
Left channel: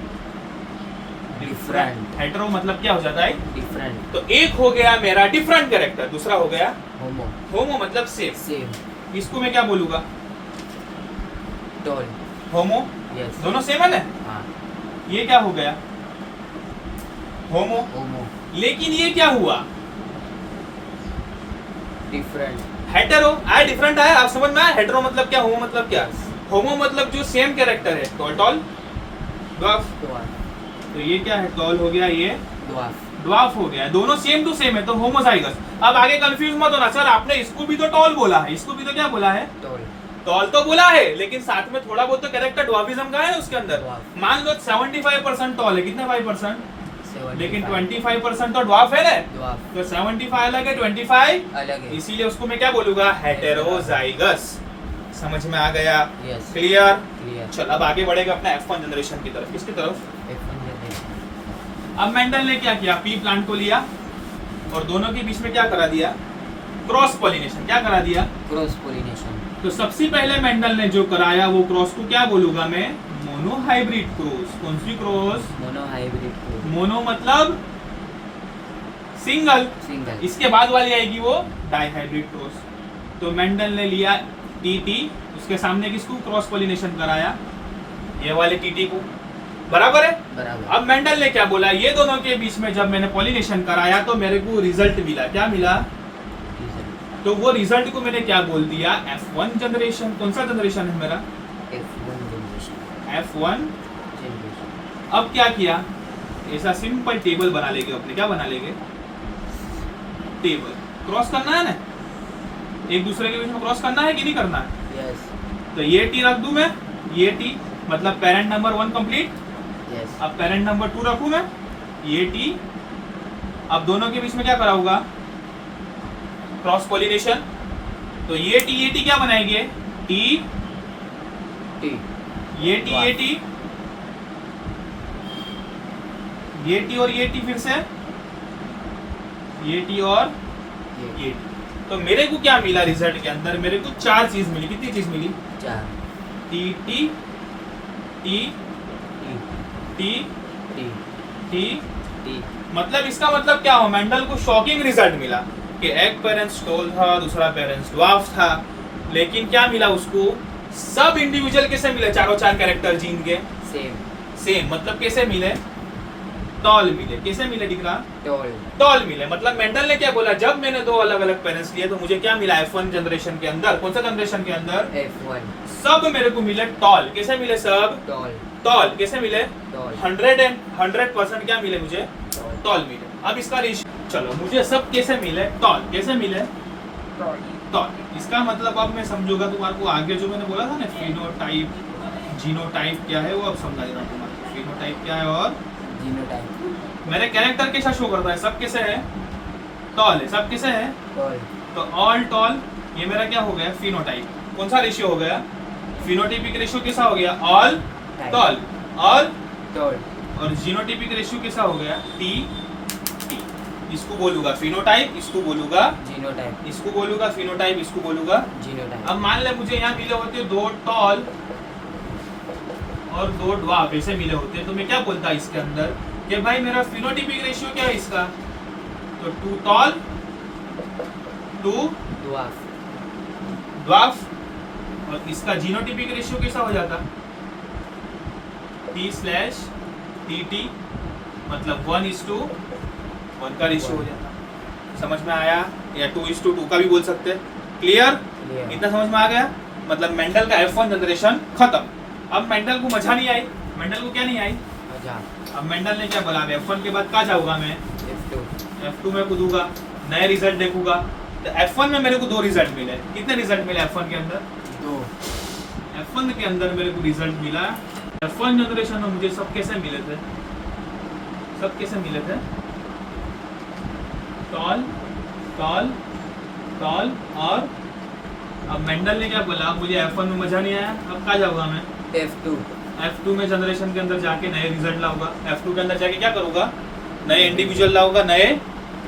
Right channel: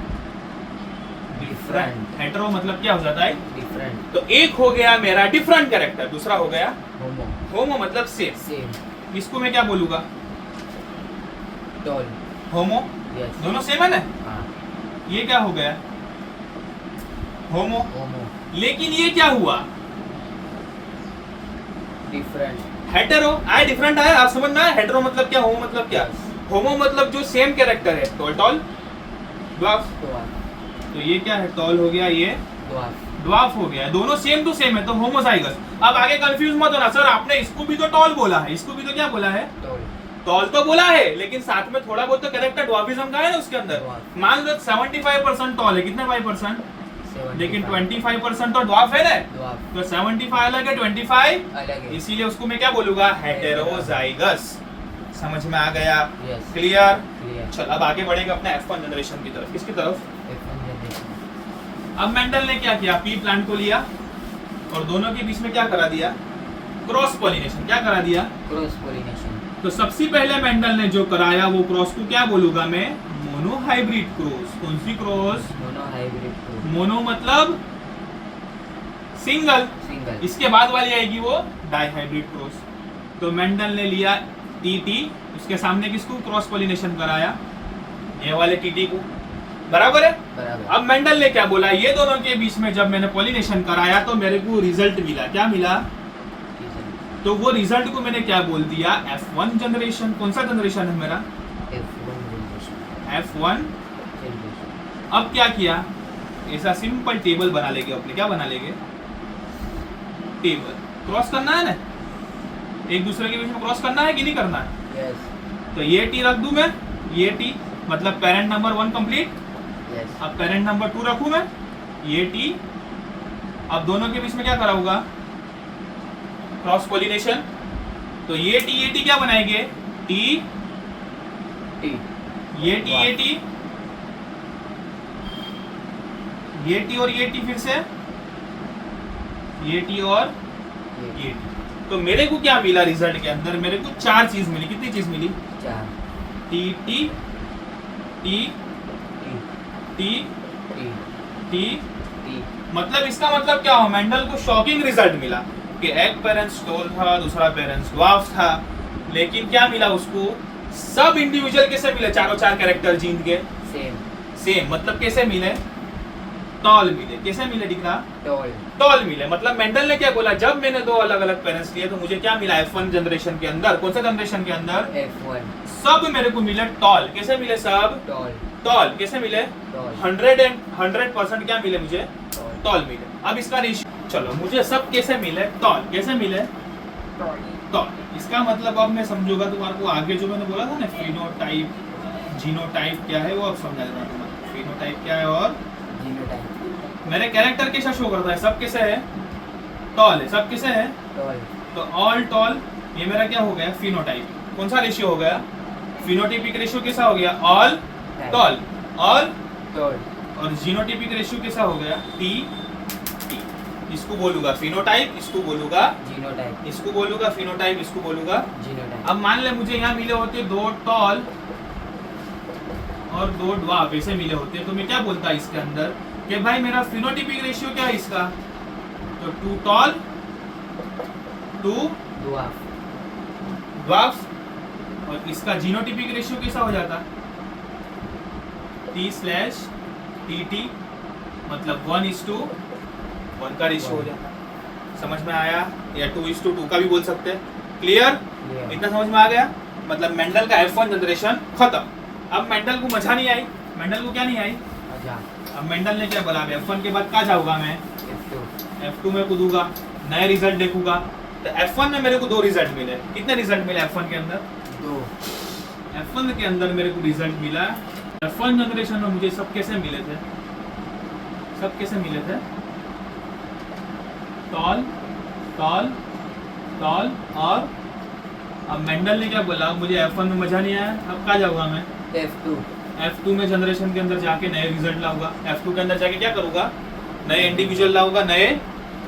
डिफरेंट, हेटेरो मतलब क्या हो जाता है, डिफरेंट, तो एक हो गया मेरा डिफरेंट कैरेक्टर, दूसरा हो गया होमो, होमो मतलब सेम। सेम, इसको मैं क्या बोलूंगा, टॉल, होमो, यस, दोनों सेम है ना। हाँ, ये क्या हो गया, होमो। होमो, लेकिन ये क्या हुआ, डिफरेंट, हेटेरो आया, डिफरेंट आया, आप समझ में आया। हेटेरो मतलब क्या, होमो मतलब क्या, Yes. होमो मतलब जो सेम कैरेक्टर है, टॉल टॉल ड्वार्फ। ड्वार्फ, तो ये क्या है, टॉल हो गया, ये ड्वार्फ, ड्वार्फ हो गया, दोनों सेम टू सेम है तो होमोजाइगस। अब आगे कंफ्यूज मत होना सर, आपने इसको भी तो टॉल बोला है, इसको भी तो क्या बोला है, टॉल। टॉल तो बोला है, लेकिन साथ में थोड़ा बहुत तो कैरेक्टर ड्वार्फिज्म का है ना उसके अंदर। ड्वार्फ। मान लो 75% टॉल है, कितने 5%, 75 लेकिन 25% तो ड्वार्फ है ना, ड्वार्फ तो 75 अलग है, 25 अलग है। इसीलिए उसको मैं क्या बोलूंगा, हेटेरोजाइगस। समझ में आ गया, यस क्लियर। क्लियर। चल अब आगे बढ़ेगा अपने F1 जनरेशन की तरफ। किसकी तरफ? F1 generation. अब मेंडल ने क्या किया, पी प्लांट को लिया और दोनों के बीच में क्या करा दिया, क्रॉस पॉलिनेशन। क्या करा दिया, क्रॉस पोलिनेशन। तो सबसे पहले मेंडल ने जो कराया वो क्रॉस को क्या बोलूंगा मैं, मोनोहाइब्रिड क्रॉस। कौन सी cross, mono hybrid cross. Mono मतलब सिंगल, सिंगल। इसके बाद वाली आएगी वो डाइहाइब्रिड क्रॉस। तो मेंडल ने लिया टीटी, उसके सामने किसको क्रॉस पॉलिनेशन कराया, ये वाले टीटी को, बराबर है। बराबर। अब मेंडल ने क्या बोला, ये दोनों के बीच में जब मैंने पॉलिनेशन कराया तो मेरे को रिजल्ट मिला, क्या मिला, तो वो रिजल्ट को मैंने क्या बोल दिया, F1 जनरेशन। कौन सा जनरेशन है मेरा, F1 जनरेशन। F1। जनरेशन। अब क्या किया, ऐसा सिंपल टेबल बना लेंगे अपने, क्या बना लेंगे, टेबल। क्रॉस करना है ना, एक दूसरे के बीच में क्रॉस करना है कि नहीं करना है, यस तो ये टी रख दूं मैं, ये टी मतलब पेरेंट नंबर 1 कंप्लीट। यस। अब पेरेंट नंबर 2 रखूं मैं, ये टी। अब दोनों के बीच में क्या करा होगा, क्रॉस पॉलिनेशन। तो ये टी क्या बनाएंगे, टी टी। ये टी ये टी, ये टी और ये टी, फिर से ये टी और ये टी। तो मेरे को क्या मिला रिजल्ट के अंदर, मेरे को 4 चीज मिली। कितनी चीज मिली, 4 T T T T T T T. T. मतलब इसका मतलब क्या हो, मेंडल को शॉकिंग रिजल्ट मिला कि एक पेरेंट्स टॉल था, दूसरा पेरेंट्स ड्वार्फ था, लेकिन क्या मिला उसको, सब इंडिविजुअल कैसे मिले, चारों 4 कैरेक्टर जीन के सेम। सेम। मतलब कैसे मिले, टॉल मिले। कैसे मिले दिख रहा, टॉल। टॉल मिले। मतलब मेंडल ने क्या बोला, जब मैंने 2 अलग अलग पेरेंट्स लिए तो मुझे क्या मिला, F1 जनरेशन के अंदर। कौन सा जनरेशन के अंदर, F1 सब मेरे को मिले टॉल। कैसे मिले सब, टॉल। टॉल। कैसे मिले, टॉल। 100% क्या मिले मुझे, टॉल। टॉल मिले। अब इसका रेशियो, चलो मुझे सब कैसे मिले, टॉल। कैसे मिले, टॉल। टॉल। इसका मतलब अब मैं समझूंगा तुम्हारे को, आगे जो मैंने बोला था ना फिनोटाइप जीनोटाइप क्या है वो अब समझा देना तुम्हारे। फिनोटाइप क्या है और जीनोटाइप। मेरे कैरेक्टर कैसा शो करता है, सब कैसे है, टॉल है। सब कैसे है, टॉल। तो ऑल टॉल। ये मेरा क्या हो गया, फिनोटाइप। कौन सा रेशियो हो गया, फिनोटाइपिक रेशियो कैसा हो गया, ऑल टॉल। All toll. और जीनोटाइपिक रेशियो कैसा हो गया, टी टी। इसको बोलूंगा फिनोटाइप, इसको बोलूंगा, जीनोटाइप। इसको बोलूंगा फिनोटाइप, इसको बोलूंगा। जीनोटाइप। अब मान ले मुझे यहाँ मिले होते 2 टॉल और 2 ड्वार्फ, ऐसे मिले होते तो मैं क्या बोलता इसके अंदर कि भाई मेरा फिनोटाइपिक रेशियो क्या है इसका, तो 2 टॉल 2 ड्वार्फ। ड्वार्फ। और इसका जीनोटाइपिक रेशियो कैसा हो जाता, T/TT, मतलब 1:1 का रेशियो हो जाता। समझ में आया, या 2:2 का भी बोल सकते हैं। क्लियर, इतना समझ में आ गया। मतलब मेंडल का F1 जनरेशन खत्म। अब मेंडल को मजा नहीं आई, मेंडल को क्या नहीं आई, मजा। अब मेंडल ने क्या बोला, F1 के बाद कहाँ जाऊंगा मैं, F2। F2 में कूदूंगा, नए रिजल्ट देखूंगा। तो F1 में मेरे को 2 रिजल्ट मिले। कितने रिजल्ट मिले F1 के अंदर, 2। F1 के अंदर मेरे को रिजल्ट मिला। F1 जनरेशन में मुझे सब कैसे मिले थे, सब कैसे मिले थे, टॉल टॉल टॉल। और अब मेंडल ने क्या बोला, मुझे F1 में मजा नहीं आया, अब कहाँ जाऊंगा मैं, F2। F2 में जनरेशन के अंदर जाके नए रिजल्ट लाऊंगा। F2 के अंदर जाके क्या करूंगा, नए इंडिविजुअल लाऊंगा, नए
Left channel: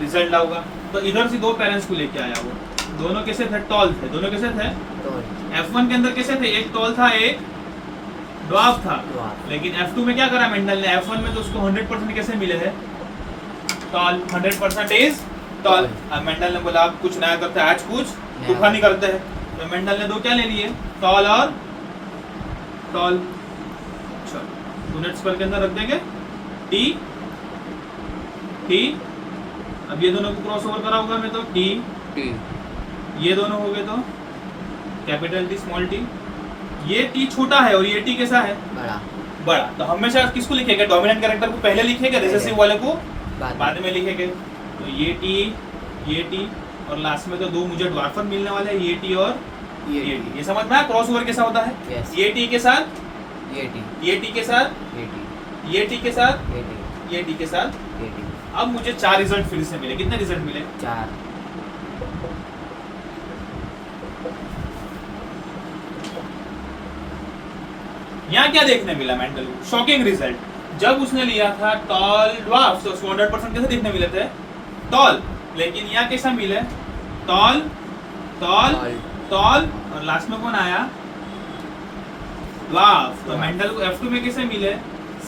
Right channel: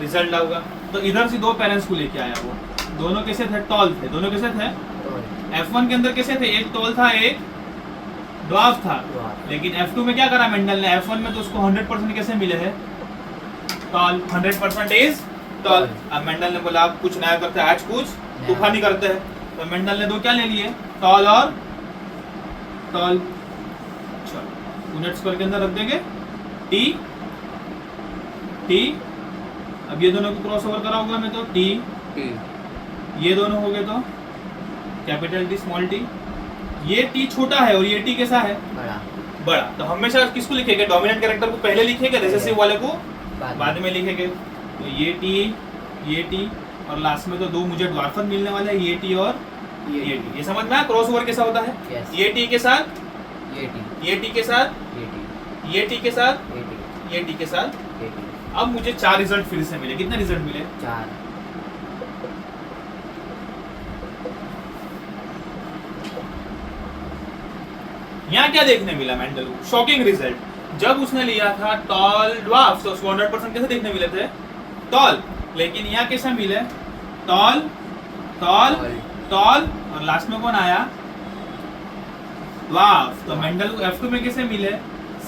रिजल्ट लाऊंगा। तो इधर से 2 पेरेंट्स को लेके आया, वो दोनों कैसे थे, टॉल थे। दोनों कैसे थे, टॉल। F1 के अंदर कैसे थे, एक टॉल था एक ड्वार्फ था। ड्वार्फ। लेकिन F2 में क्या करा मेंडल ने, F1 में तो उसको 100% कैसे मिले हैं, टॉल। 100% टॉल। अब मेंडल ने बोला आप कुछ नया करते हैं, आज कुछ तूफानी करते हैं। तो मेंडल ने 2 क्या ले लिए, टॉल और टॉल। चलो यूनिट्स करके अंदर रख देंगे, टी टी। अब ये दोनों को क्रॉस ओवर करा होगा मैं, तो टी टी। ये दोनों हो गए तो कैपिटल टी स्मॉल टी। ये टी छोटा है और ये टी कैसा है, बड़ा। बड़ा। तो हमेशा किसको लिखेंगे, डोमिनेंट कैरेक्टर को पहले लिखेंगे, रिसेसिव वाले को बाद में लिखेंगे। तो ये टी और लास्ट में तो दो मुझे ड्वार्फन मिलने वाले हैं, ये टी और ये टी। ये समझ में आया क्रॉस ओवर कैसा होता है? Yes. ये टी के साथ ये टी ये टी के साथ ये टी ये टी के साथ ये टी ये टी के साथ। ये टी अब मुझे 4 रिजल्ट फिर से मिले। कितने रिजल्ट मिले? 4 यहाँ क्या देखने मिला मेंडल को? Shocking result. जब उसने लिया था टॉल ड्वार्फ तो उसको 100% कैसे देखने मिले थे? टॉल। लेकिन यहाँ कैसा मिले? टॉल टॉल टॉल और लास्ट में कौन आया? ड्वार्फ। तो मेंडल को F2 में कैसे मिले?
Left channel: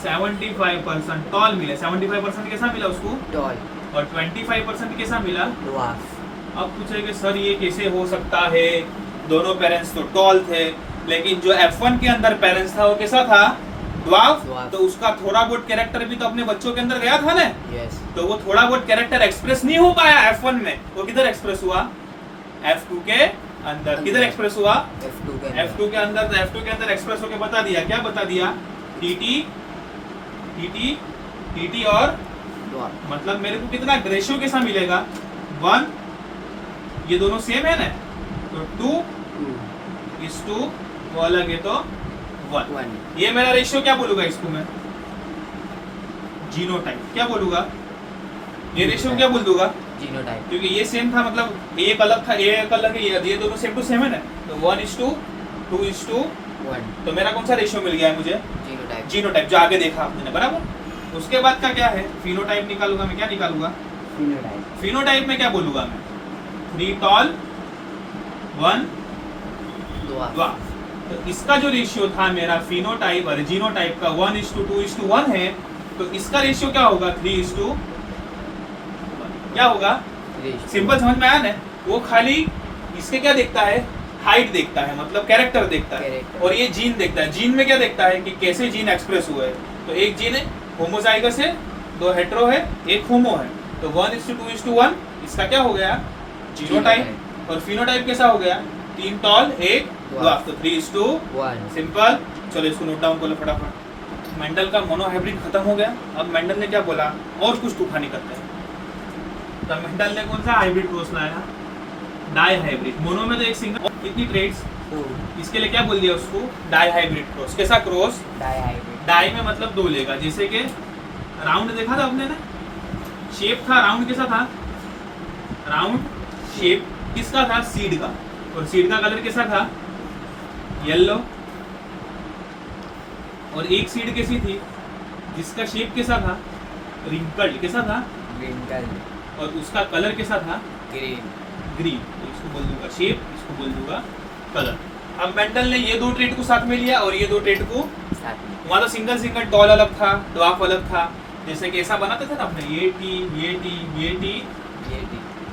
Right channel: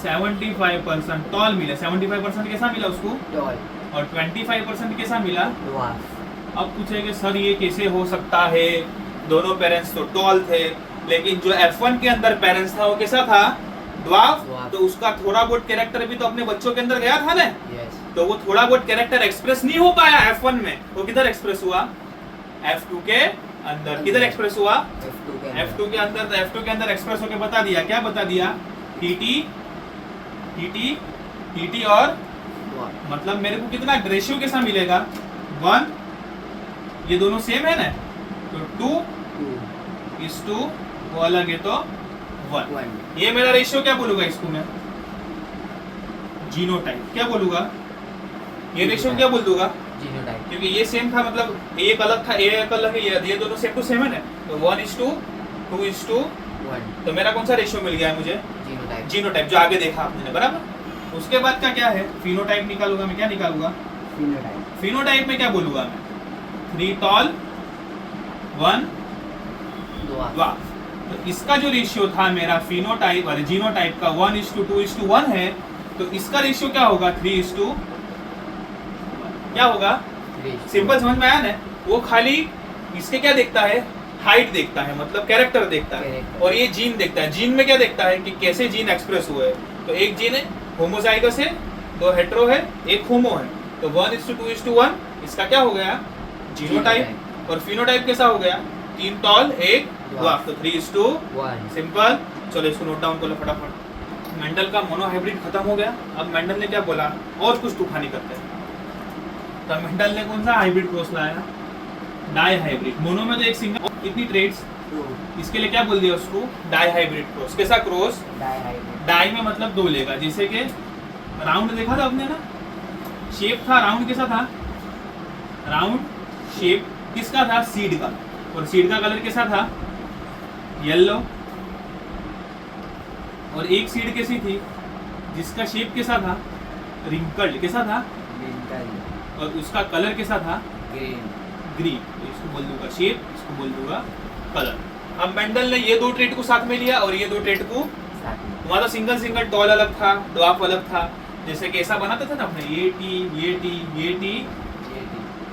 75% टॉल मिले। 75% कैसा मिला उसको? टॉल और 25% कैसा मिला? ड्वार्फ। अब पूछेंगे सर ये कैसे हो सकता है? दोनों पेरेंट्स तो टॉल थे, लेकिन जो F1 के अंदर पेरेंट्स था वो कैसा था? ड्वार्फ। Dwarf। तो उसका थोड़ा बहुत कैरेक्टर भी तो अपने बच्चों के अंदर गया था ना। यस तो वो थोड़ा बहुत कैरेक्टर एक्सप्रेस नहीं हो पाया F1 में, वो किधर एक्सप्रेस हुआ? F2 के अंदर। किधर एक्सप्रेस हुआ? F2 के F2 के अंदर। तो F2 के अंदर एक्सप्रेस होके बता दिया। क्या बता दिया? टीटी टीटी टीटी और ड्वार्फ। मतलब मेरे को कितना रेशियो कैसा मिलेगा? 1। ये दोनों सेम है ना, तो 2:2 वो अलग है तो 1। ये मेरा रेशियो क्या बोलूंगा इसको मैं? जीनोटाइप। क्या बोलूंगा? ये रेशियो क्या बोल दूंगा? जीनोटाइप। क्योंकि ये सेम था, मतलब एक अलग था, एक अलग है, ये दोनों सेम टू सेम है ना। तो 1:2 2:1। तो मेरा कौन सा रेशियो मिल गया है मुझे? जीनोटाइप। जीनोटाइप, जो आगे देखा आपने, बराबर। उसके बाद का क्या है? फिनोटाइप निकालूंगा मैं। क्या निकालूंगा? फिनोटाइप। फिनोटाइप में क्या बोलूंगा मैं? 3 टॉल 1 ड्वार्फ। तो इसका जो रेशियो था मेरा फिनोटाइप और जीनोटाइप का 1:2:1 है, तो इसका रेशियो क्या होगा? 3:1। क्या होगा? सिंपल समझ में आया ना? वो खाली इसके क्या देखता है? हाइट देखता है, मतलब कैरेक्टर देखता है। Character। और ये जीन देखता है। जीन में क्या देखता है कि कैसे जीन एक्सप्रेस हुए हैं। तो एक जीन है होमोजाइगस है, 2 हेटेरो है, एक होमो है। तो 1:2:1 इसका क्या हो गया? जीनोटाइप। और फिनोटाइप कैसा हो गया? 3 टॉल 1 ड्वार्फ। तो 3:1। सिंपल। चलो इसको नोट डाउन कर लो फटाफट। मेंडल का मोनोहाइब्रिड खत्म हो गया। अब मेंडल ने क्या बोला? और कुछ तूफानी करते हैं। तो मेंडल ने कौन सा हाइब्रिड क्रॉस लाया? Dihybrid. मोनो में तो एक सिंगल। कितनी ट्रेड्स? इसके लिए क्या बोल दिया उसको? Dihybrid cross. कैसा क्रॉस? डाई डाई में मतलब 2 लेगा। जैसे कि राउंड देखा था आपने ना, शेप था राउंड। कैसा था? राउंड शेप किसका था? सीड का। और सीड का कलर कैसा था? येलो। और एक सीड कैसी थी जिसका शेप कैसा था? रिंकल्ड। कैसा था? और उसका कलर कैसा था? ग्रीन। तो इसको बोल दूंगा शेप, इसको बोल दूंगा कलर। अब मेंडल ने ये 2 ट्रेड को साथ में लिया और ये 2 ट्रेड को वहां तो सिंगल टॉल अलग था, ड्वार्फ अलग था। जैसे कि ऐसा बनाते थे ना अपने, ये टी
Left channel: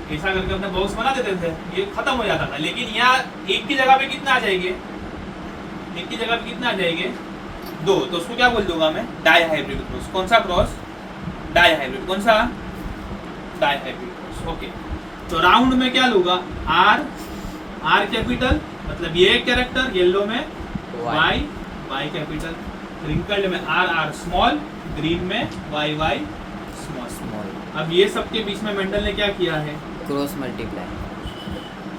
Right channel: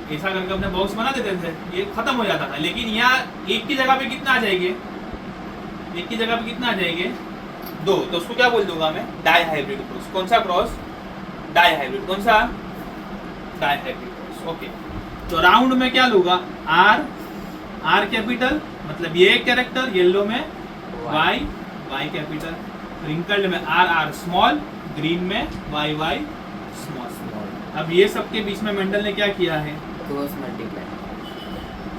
ऐसा करके अपने बॉक्स बना देते थे, ये खत्म हो जाता था। लेकिन यहाँ एक की जगह पे कितना आ जाएंगे? एक की जगह पे कितना आ जाएंगे? 2। तो उसको क्या बोल दूंगा मैं? Dihybrid cross. कौन सा क्रॉस? Dihybrid. कौन सा? Dihybrid cross. ओके। तो राउंड में क्या लूंगा? आर कैपिटल, मतलब ये एक कैरेक्टर। येलो में वाई कैपिटल। रिंकल्ड में आर स्मॉल। ग्रीन में वाई स्मॉल। अब ये सब के बीच में मेंडल ने क्या किया है? Cross multiply.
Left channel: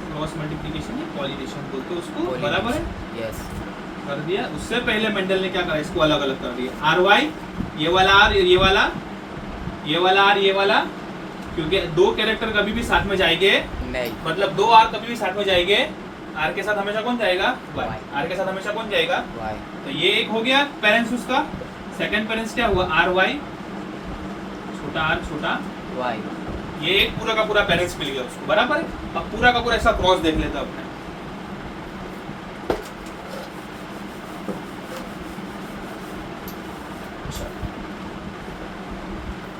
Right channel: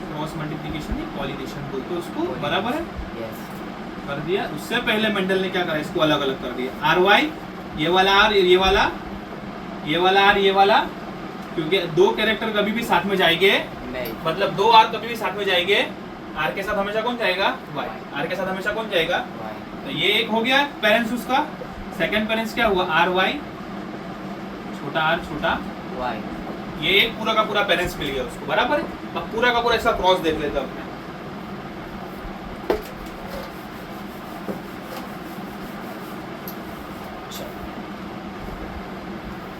क्रॉस मल्टीप्लिकेशन या पॉलिनेशन बोलते हैं उसको, बराबर है? यस। कर दिया। उससे पहले मेंडल ने क्या करा? इसको अलग अलग कर दिया। आर वाई, ये वाला आर, ये वाला, ये वाला आर, ये वाला। क्योंकि 2 कैरेक्टर कभी भी साथ में जाएंगे नहीं, मतलब 2 आर कभी भी साथ में जाएंगे। आर के साथ हमेशा कौन जाएगा? वाई। आर के साथ हमेशा कौन जाएगा? वाई। तो ये एक हो गया पेरेंट्स उसका। सेकंड पेरेंट्स क्या हुआ? आर वाई, छोटा आर छोटा वाई। ये एक पूरा का पूरा पेरेंट्स मिल गया उसको, बराबर है? अब पूरा का पूरा ऐसा क्रॉस देख लेते हैं अपने।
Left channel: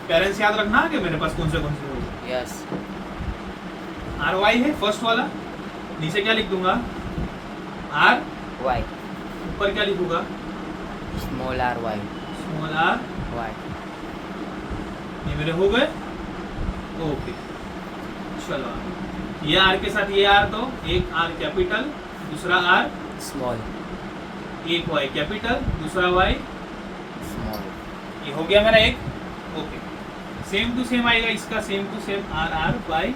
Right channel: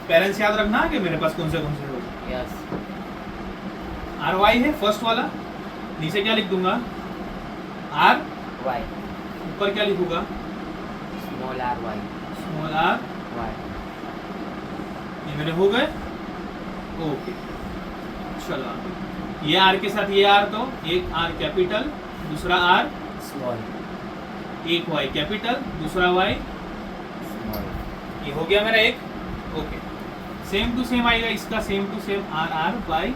पेरेंट्स याद रखना है कि मेरे पास कौन से हो। यस। आर वाई है फर्स्ट वाला। नीचे क्या लिख दूंगा? R Y. ऊपर क्या लिखूंगा? Small R Y. Small R Y. ये मेरे हो गए। ओके चलो, ये आर के साथ ये आर, तो एक आर कैपिटल, दूसरा आर स्मॉल। एक वाई कैपिटल, दूसरा वाई स्मॉल। ये हो गया मेरा एक। ओके सेम टू सेम आएगा इसका, same to same R R Y,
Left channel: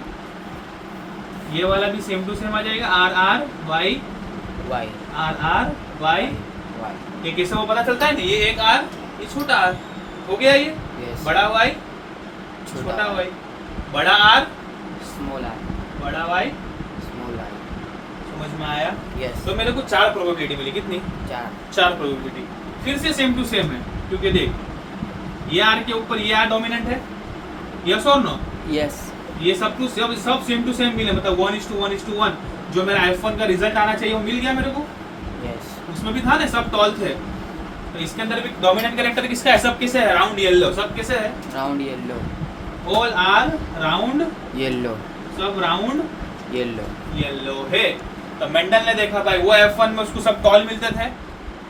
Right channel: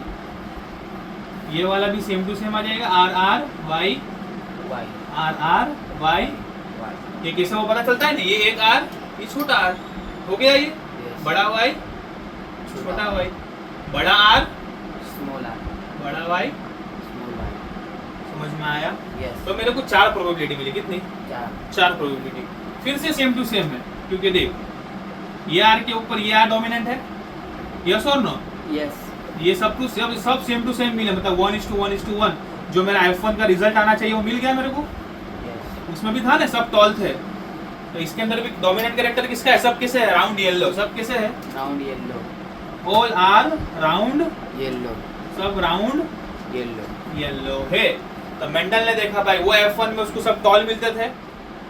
ये वाला भी सेम टू सेम आ जाएगा R R Y, Y R R Y. Y ये कैसे वो पता चलता है ना, ये एक आर, ये छोटा आर हो गया, ये यस बड़ा वाई छोटा वाई, बड़ा आर स्मॉल आर बड़ा वाई। स्मॉल आर समझ में आया? यस तो मेरे को 4 प्रोबेबिलिटी मिली, कितनी? 4 4 प्रोबेबिलिटी। फिर से सेम टू सेम है, क्योंकि देख ये आर के ऊपर ये आर डोमिनेंट है, यस और नो? यस ये सब कुछ सब सेम टू सेम मिले, मतलब 1:1:1। जो मेरा F1 का रिजल्ट आना चाहिए वो मिल गया मेरे को, यस उसमें भी था ना, सब टॉल थे। तो इसके अंदर भी डोमिनेंट कैरेक्टर किसका है? सब किसे है? Round yellow. सब किसे है? Round yellow all are round, yellow सब राउंड येलो येलो है। तो मेंडल ने देखा भाई वो F1 में उसको सब टॉल मिलते थे,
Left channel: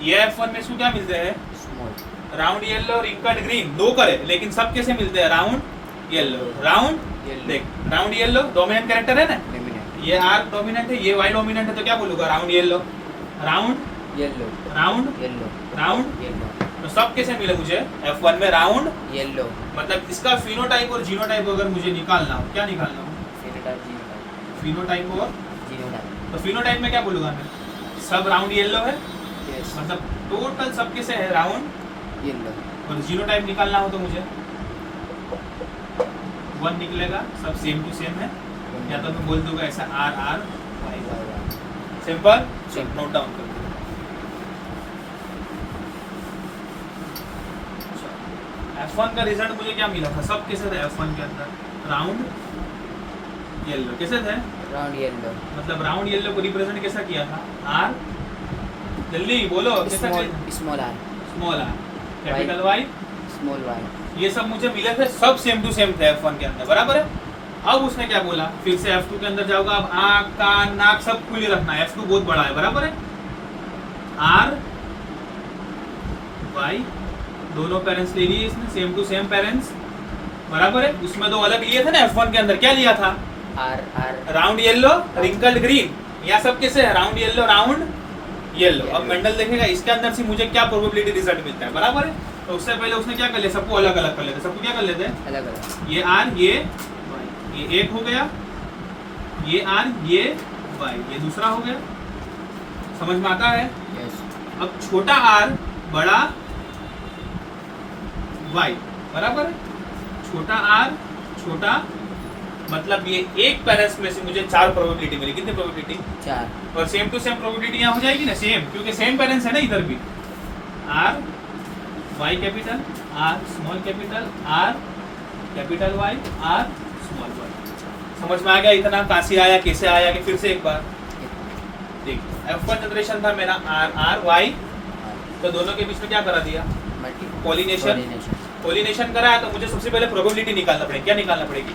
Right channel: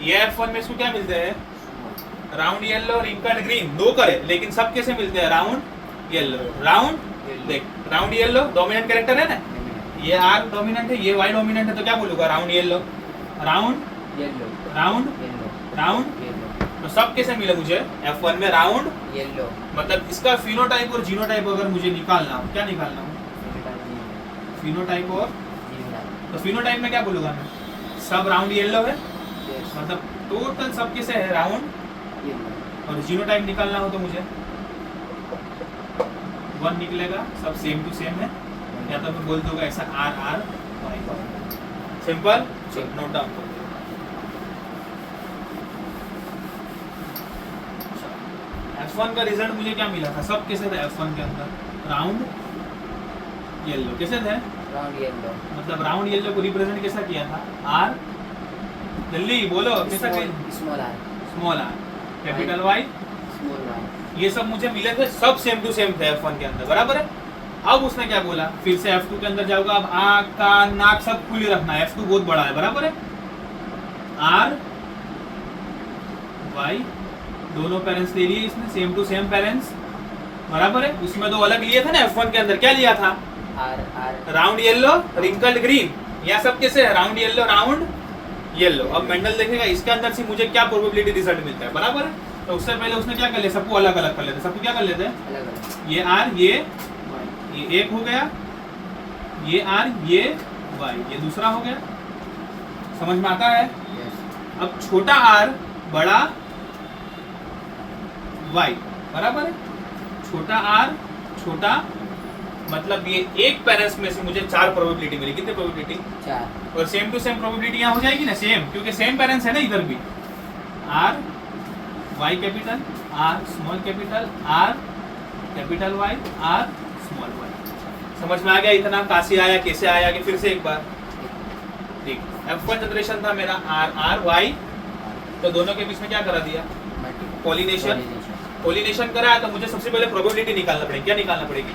ये F1 में इसको क्या मिलते हैं? Small round yellow, wrinkled green, दो करे, लेकिन सब कैसे मिलते हैं? राउंड येलो, राउंड येलो देख, राउंड येलो डोमिनेंट कैरेक्टर है ना, लेमिनेट ये आर डोमिनेंट है, ये वाई डोमिनेंट है, तो क्या बोलूंगा? Round yellow, round yellow round yellow round. Yellow तो सब कैसे मिले मुझे F1 में? राउंड येलो मतलब इसका फिनोटाइप और जीनोटाइप अगर मुझे निकालना हो, क्या निकालना हो? फिनोटाइप जीनोटाइप फिनोटाइप और जीनोटाइप तो फिनोटाइप में क्या बोलूंगा मैं? सब राउंड येलो है, यस मतलब टोटल सब कैसे है? राउंड। येलो और जीनोटाइप निकालना हो तो मुझे 1 निकलेगा, सब सेम टू सेम है, या तो मैं बोल दूंगा ऐसा R R Y Y. Simple, note down कर लो। F1 का रिजल्ट मुझे क्या मिला था? सब कैसे थे F1 के अंदर? राउंड येलो कैसे थे? राउंड येलो मतलब राउंड येलो को रिप्रेजेंट कैसा किया था? आर, जल्दी बोलो कैसा? Small R small R, capital Y. Small Y ये सब मुझे मिले थे, सब सेम टू सेम थे F1 के अंदर, बराबर है। अब उसने क्या बोला? फिर से F2 के अंदर जाऊंगा, अब आँख कान नाक सब खुले रखना है, F2 बहुत बड़ा है, बराबर है। आर वाई दोनों पेरेंट्स ले लिए इसने, सेम टू सेम पेरेंट्स, बराबर है। उसमें दो अलग लिए थे ना F1 के अंदर, क्या लिया था? R R round yellow, wrinkled green. यहाँ सब कैसे है? Round yellow, round yellow. अब मेंडल देखेगा इसके अंदर से मुझे क्या प्रोबेबिलिटी रिजल्ट मिलता है, बराबर है। तो उससे पहले उसने क्या कर लिया? सबको अलग अलग कर लेते, सबको क्या कर लेते हैं? अलग अलग ये आर, ये एक हो गया, ये आर, ये वाई, ये दूसरा हो गया। समझ में आता है? यस अब छोटा आर बड़ा वाई, बराबर है। छोटा आर छोटा, मतलब ये एक पेरेंट्स में से मुझे 4 प्रोबेबिलिटी मिली। कितनी प्रोबेबिलिटी? 4 और सेम टू सेम प्रोबेबिलिटी यहाँ हो जाएगी ना, सेम, क्योंकि सेम पेरेंट्स है ना इधर भी। R Y capital, R small capital, R capital Y, R small Y. समझ में आ गया? इतना काशी आया, कैसे आया कि फिर से एक बार देख। F1 जनरेशन था मेरा आर आर वाई, तो दोनों के बीच में क्या करा दिया? Pollination। पॉलिनेशन करा, तो मुझे सबसे पहले प्रोबेबिलिटी निकालना पड़ेगी। क्या निकालना पड़ेगी?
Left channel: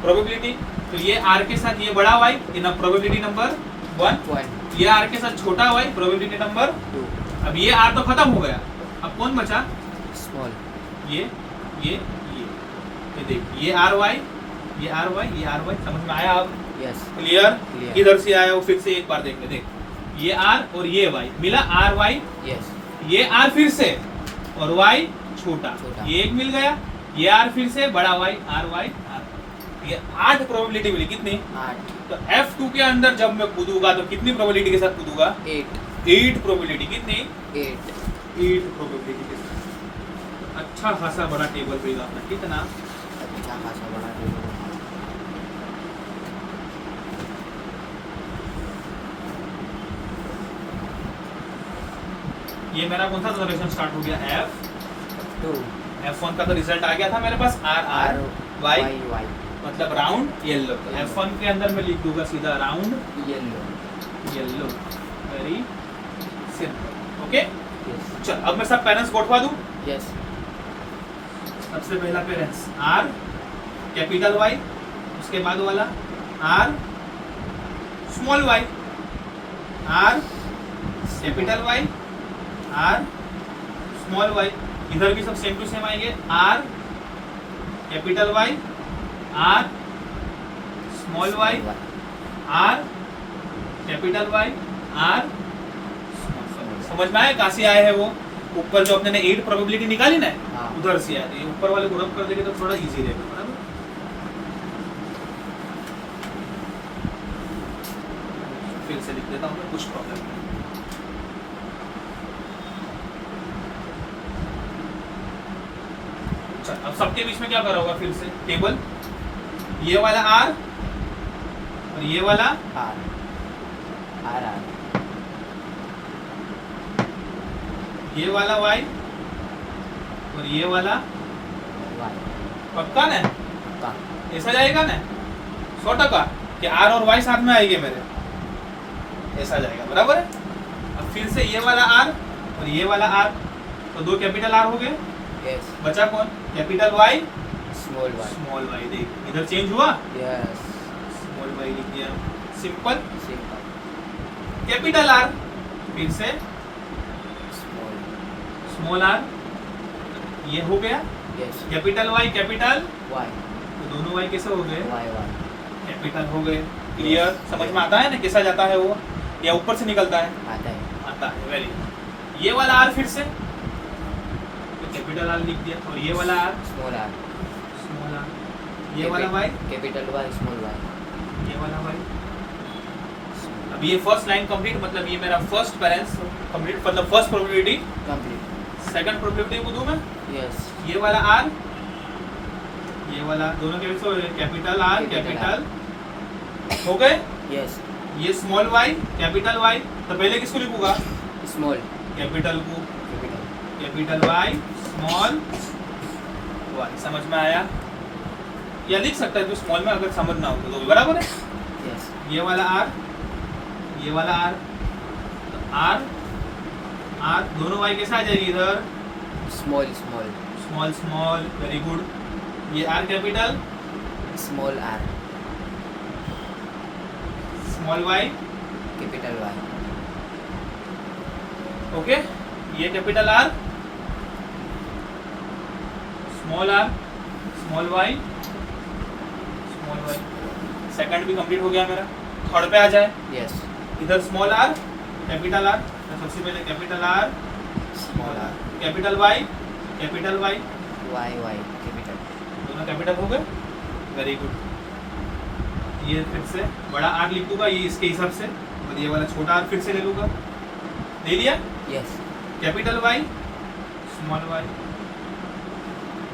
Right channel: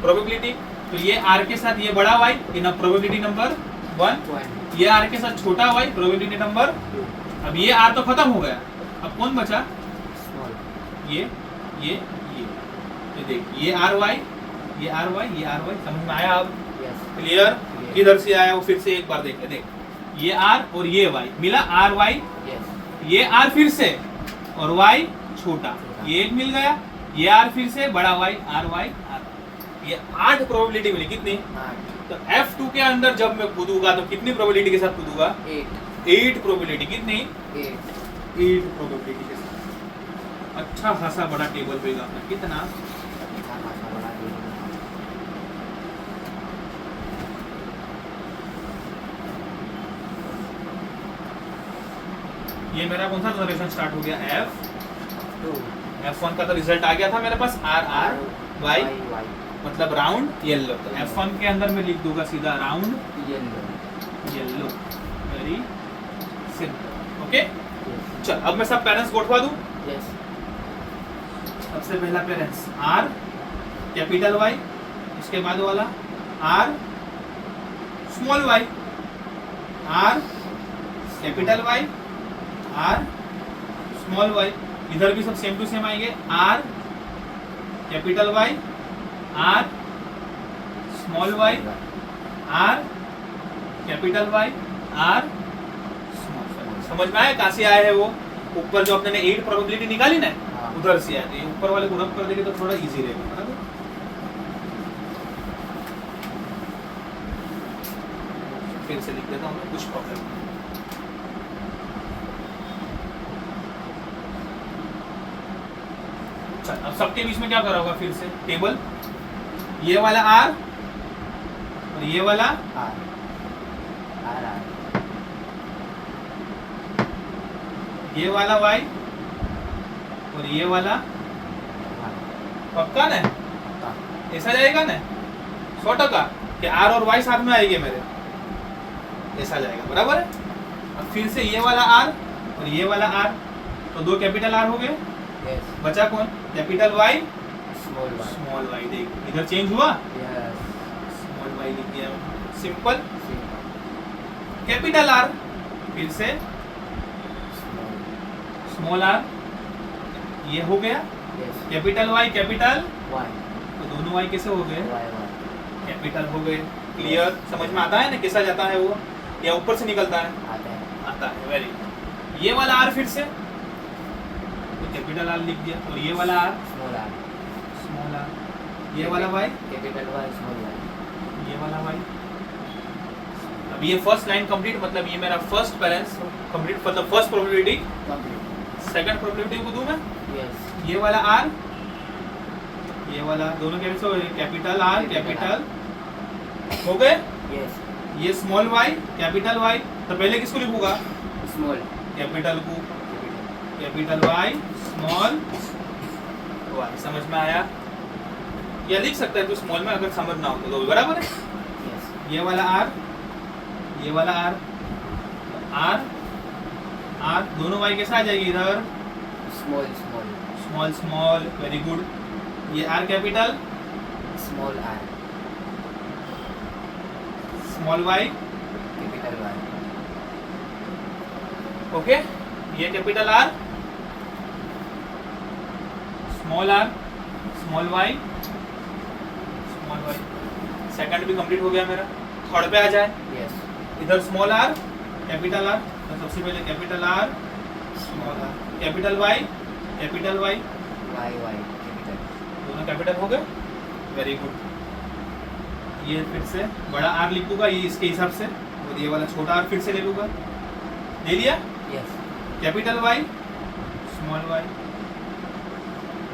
प्रोबेबिलिटी। तो ये आर के साथ ये बड़ा वाई, इन प्रोबेबिलिटी नंबर 1। ये आर के साथ छोटा वाई, प्रोबेबिलिटी नंबर 2। अब ये आर तो खत्म हो गया, अब कौन बचा? स्मॉल ये देख, ये आर वाई, ये आर वाई, ये आर वाई। समझ में आया? अब यस क्लियर? इधर से आया वो, फिर से एक बार देख ले। देख, ये आर और ये वाई मिला, आर वाई। यस ये आर फिर से और वाई छोटा, छोटा। ये एक मिल गया। ये आर फिर से बड़ा वाई, आर वाई आर। ये 8 प्रोबेबिलिटी मिली। कितनी? 8 तो F2 के अंदर जब मैं कूदूंगा तो कितनी प्रोबेबिलिटी के साथ कूदूंगा? 8 प्रोबेबिलिटी। कितनी? 8 प्रोबेबिलिटी के साथ। अच्छा खासा बड़ा टेबल रहेगा अपना। कितना? अच्छा खासा बना दिया। ये मेरा कौन सा जनरेशन स्टार्ट हो गया? टू F1 का तो रिजल्ट आ गया था मेरे पास, आर आर वाई, वाई मतलब राउंड येलो। तो F1 के अंदर मैं लिख दूंगा सीधा round yellow yellow. Very simple. Okay, yes चल अब मैं सब पेरेंट्स को उठवा दूं। यस सबसे पहला पेरेंट्स आर कैपिटल वाई, उसके बाद वाला R small Y, R capital Y, R small Y. इधर भी सब सेम टू सेम आएंगे, R capital Y, R small Y, R capital Y, R small. समझ में आया? कहाँ से आया है वो? ऊपर जो अपने 8 प्रोबेबिलिटी निकाली ना, हाँ उधर से आए, तो ये ऊपर वाले को रब कर देंगे तो थोड़ा इजी रहेगा, बराबर। फिर से लिख देता हूँ, कुछ प्रॉब्लम नहीं। चल, अब सबके बीच में क्या करा होगा फिर से टेबल, ये वाला आर और ये वाला आर आर आर ये वाला वाई और ये वाला, वाई पक्का ना? का ऐसा जाएगा ना 100% कि आर और वाई साथ में आएंगे मेरे, ऐसा जाएगा, बराबर है। अब फिर से ये वाला आर और ये वाला आर, तो दो कैपिटल आर हो गए, यस बचा कौन? Capital Y small Y small Y. देख इधर चेंज हुआ, यस स्मॉल वाई लिख दिया, सिंपल। सी कैपिटल आर फिर से स्मॉल स्मॉल आर, ये हो गया। Yes capital Y capital, Y तो दोनों वाई कैसे हो गए? वाई वाई कैपिटल हो गए। क्लियर? समझ में आता है ना कैसा जाता है वो, या ऊपर से निकलता है? आता है आता है, वेरी गुड। ये वाला आर फिर से, तो कैपिटल आर लिख दिया, और ये वाला R small R small R, ये वाला Y capital Y small Y ये वाला वाई। अब ये फर्स्ट लाइन कंप्लीट, मतलब ये मेरा फर्स्ट पेरेंट्स कंप्लीट, मतलब first probability. Complete second probability को दूं मैं, यस ये वाला आर ये वाला, दोनों कैसे हो गए? कैपिटल आर कैपिटल हो गए। यस ये स्मॉल वाई कैपिटल वाई, तो पहले किसको लिखूंगा? स्मॉल कैपिटल को, capital capital Y small Y. समझ में आया? या लिख सकता है तो स्मॉल में, अगर समझ ना हो तो भी बराबर है। यस ये वाला आर ये वाला आर, तो आर आर दोनों वाई कैसे आ जाएगी इधर? Small small small small, very good. ये R capital small R small Y, capital Y okay. ये capital R small Y small Y. Second भी कंप्लीट हो गया मेरा। थर्ड पे आ जाए, यस इधर स्मॉल आर कैपिटल आर, तो सबसे पहले capital R small R, capital Y Y Y capital दोनों कैपिटल हो गए, वेरी गुड। ये फिर से बड़ा आर लिख दूंगा ये इसके हिसाब से, और ये वाला छोटा आर फिर से ले लूंगा, ले लिया। Yes capital Y small Y,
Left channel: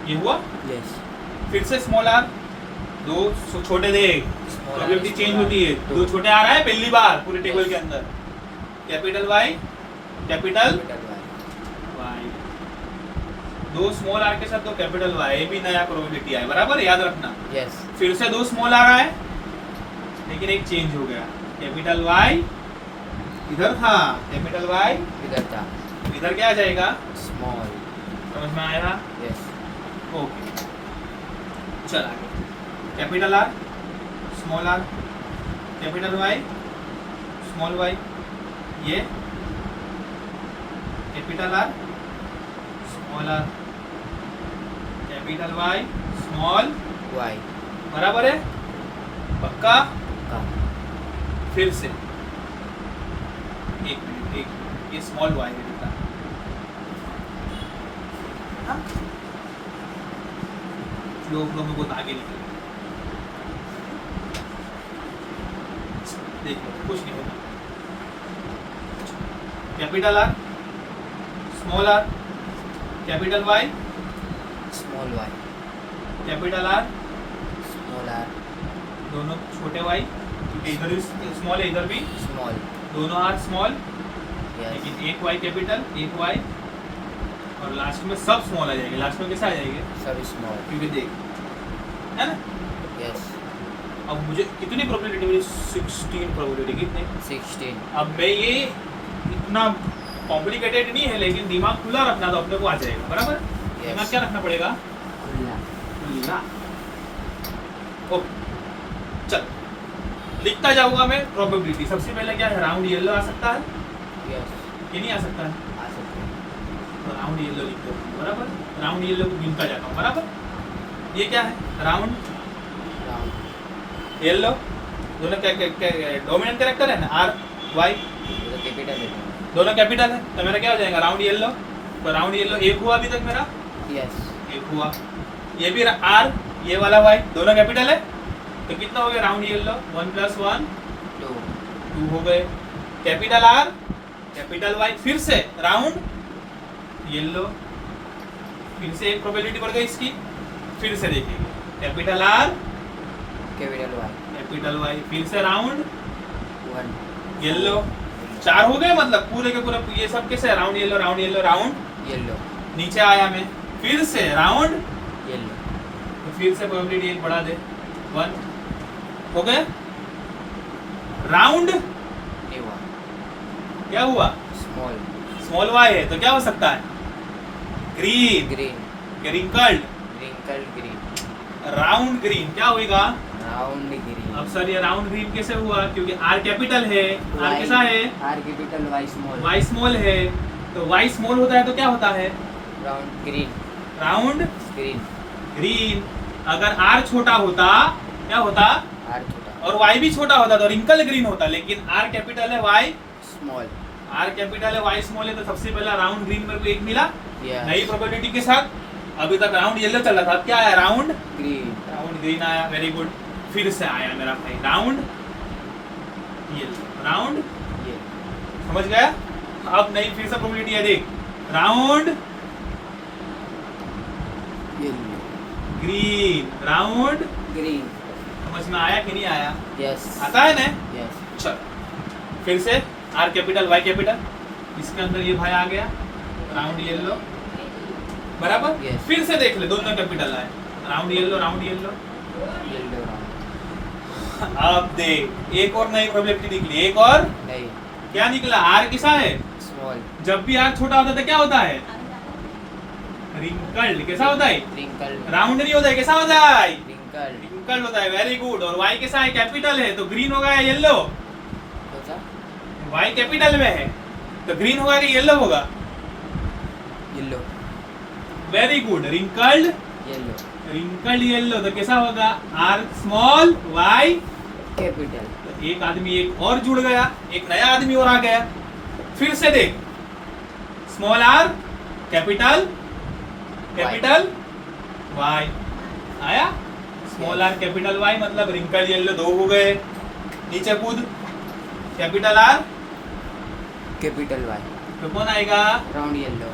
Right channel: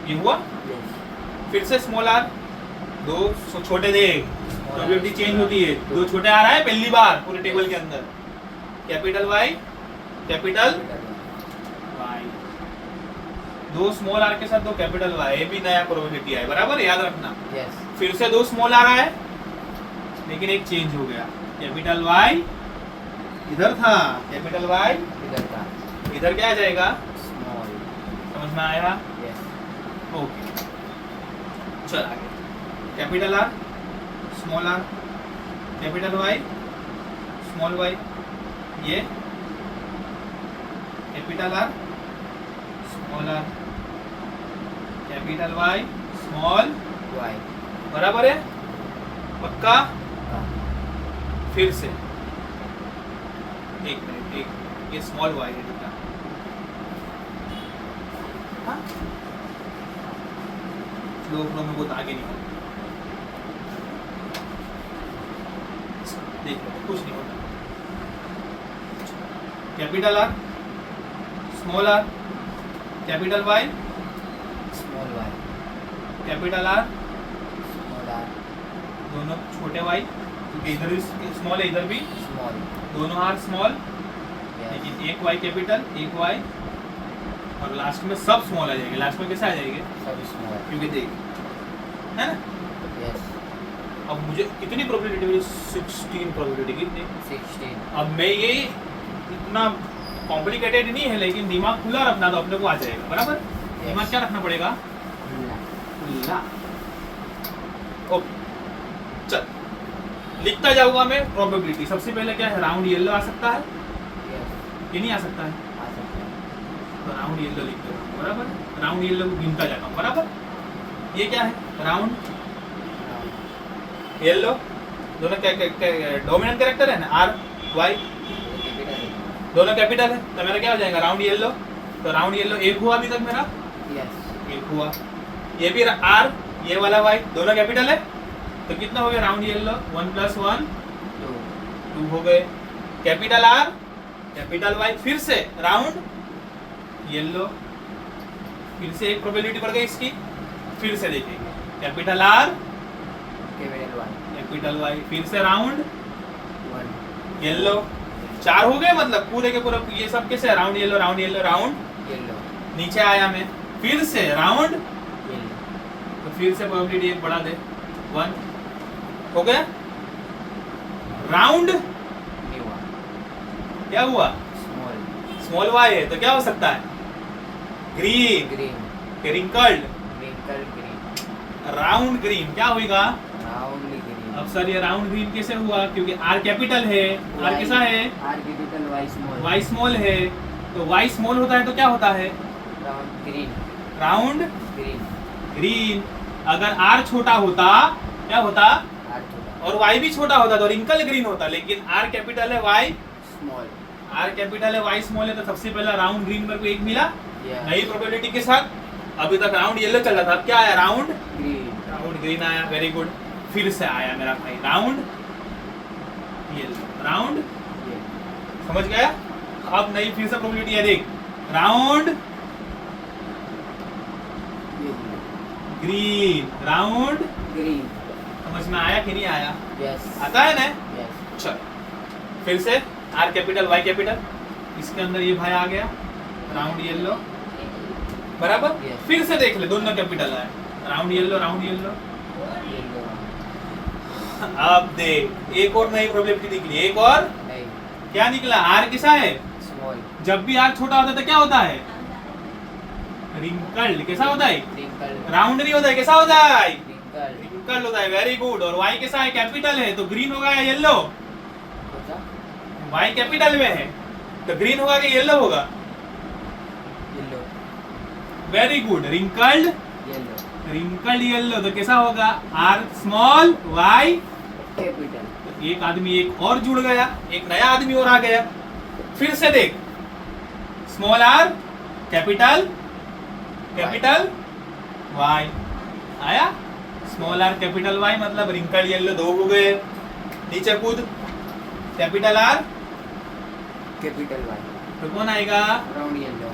ये हुआ। यस फिर से स्मॉल आर, दो छोटे दे, प्रोबेबिलिटी चेंज होती है, दो छोटे आ रहा है पहली बार पूरे टेबल के अंदर। कैपिटल वाई कैपिटल वाई, दो स्मॉल आर के साथ दो कैपिटल वाई, ये भी नया प्रोबेबिलिटी है, बराबर याद रखना। यस फिर से दो स्मॉल आ रहा है, लेकिन एक चेंज हो गया। कैपिटल वाई इधर था, कैपिटल वाई इधर था इधर क्या आ जाएगा? स्मॉल समझ में आया? यस ओके, चल आगे। Capital R small R, capital Y small Y, ये capital R small R, capital Y small Y बराबर है, पक्का? का फिर से एक मिनट, एक ये स्मॉल वाई है कितना? हाँ? फ्लो में बहुत आगे निकल, देख लो कुछ नहीं होता। Capital R small R, capital Y small Y capital R, small R दोनों छोटे वाई, क्योंकि इधर भी स्मॉल है इधर भी, स्मॉल दोनों आर स्मॉल, यस लेकिन एक वाई कैपिटल एक वाई, और लास्ट में सब स्मॉल आ जाएंगे। लास्ट में कैसा आ जाएंगे? सब स्मॉल क्योंकि देख, है ना? यस अब मुझे कितनी प्रोबेबिलिटी मिली? 16 प्रोबेबिलिटी। कितनी? 16 अब मैं ये इतना कॉम्प्लिकेटेड नहीं है, लेकिन दिमाग खुला रखना तो अपने को आ जाएगा, बराबर? दिमाग क्या रखना पड़ेगा? खुला खुला। ओके, चल लिखता जाऊंगा मैं प्रोबेबिलिटी। सबसे पहले क्या है? राउंड येलो आ सकता है, यस ये नहीं आ सकता है, आ सकते हैं तो राउंड येलो लिखते हो, बराबर? राउंड येलो को गिनता जाता हूँ, बराबर? ये क्या है? राउंड येलो, दोनों डोमिनेंट कैरेक्टर है ना, आर वाई, कैपिटल है दोनों कैपिटल है, तो मेरा क्या हो जाएगा? Round yellow. तो राउंड येलो एक हुआ अभी तक मेरा, यस 1 हुआ। ये भी R, ये वाला Y दोनों कैपिटल है, तो कितना हो गया राउंड येलो 1 + 1 2 2 हो गए। कैपिटल R कैपिटल Y, फिर से राउंड येलो, फिर से एक प्रोबेबिलिटी बढ़ गई इसकी। फिर से देखेंगे कैपिटल R कैपिटल Y, फिर से राउंड 1 येलो। 4 हो गए, मतलब पूरे के पूरे ये सब कैसे round yellow round yellow round. Yellow नीचे आया मैं, फिर से राउंड, येलो तो फिर से प्रोबेबिलिटी एक बढ़ा दे 1 हो गया। राउंड न्यू क्या हुआ, स्मॉल स्मॉल y है, तो क्या हो सकता है green, green wrinkled, wrinkle green round green क्या होगा। राउंड ग्रीन अब सर ये राउंड ग्रीन कैसे हुआ, क्योंकि R कैपिटल है, R कैसा है R capital Y small Y small है, तो Y स्मॉल होता है तो क्या होता है round green round green green. अगर R छोटा होता क्या होता, आर छोटा और Y भी छोटा होता तो रिंकल ग्रीन होता, लेकिन R कैपिटल है Y, स्मॉल R कैपिटल है Y स्मॉल है, तो सबसे पहला राउंड ग्रीन मेरे को एक मिला यस नई प्रोबेबिलिटी के साथ। अभी तक राउंड येलो चल रहा था, अब क्या आया राउंड ग्रीन राउंड ग्रीन आया, वेरी गुड। फिर से आया मेरा भाई राउंड येलो राउंड, ये समझ गया। अब नई फिर से प्रोबेबिलिटी है, देख round yellow green round, green समझ में आया कि नहीं आया, यस आता है ना। यस चल फिर से R कैपिटल Y कैपिटल, इसके अंदर ये भाई आ गया राउंड येलो बराबर। Yes. फिर से देख ले दोनों कैपिटल है, राउंड येलो येलो अब देख एक और नई प्रोबेबिलिटी निकली, एक और नहीं क्या निकला, R किसा है, स्मॉल जब भी R छोटा होता है तो क्या होता है रिंकल्ड, कैसा होता है रिंकल राउंड नहीं होता है, कैसा होता है रिंकल रिंकल्ड होता है, वेरी गुड। और Y कैसा है कैपिटल है, तो ग्रीन होगा या येलो, सोचा Y कैपिटल में है तो ग्रीन होगा कि येलो होगा, yellow very good. Wrinkled yellow wrinkled yellow, तो कैसा होगा R स्मॉल Y, कैपिटल तो एक आदमी एक और जुड़ गया, एक नया आदमी और आ गया। फिर से देख small R capital capital Y आया, स्मॉल R कैपिटल Y मतलब रिंकल्ड येलो 2 हो गए। नीचे कूद कैपिटल R, कैपिटल वाई तो कौन आएगा राउंड येलो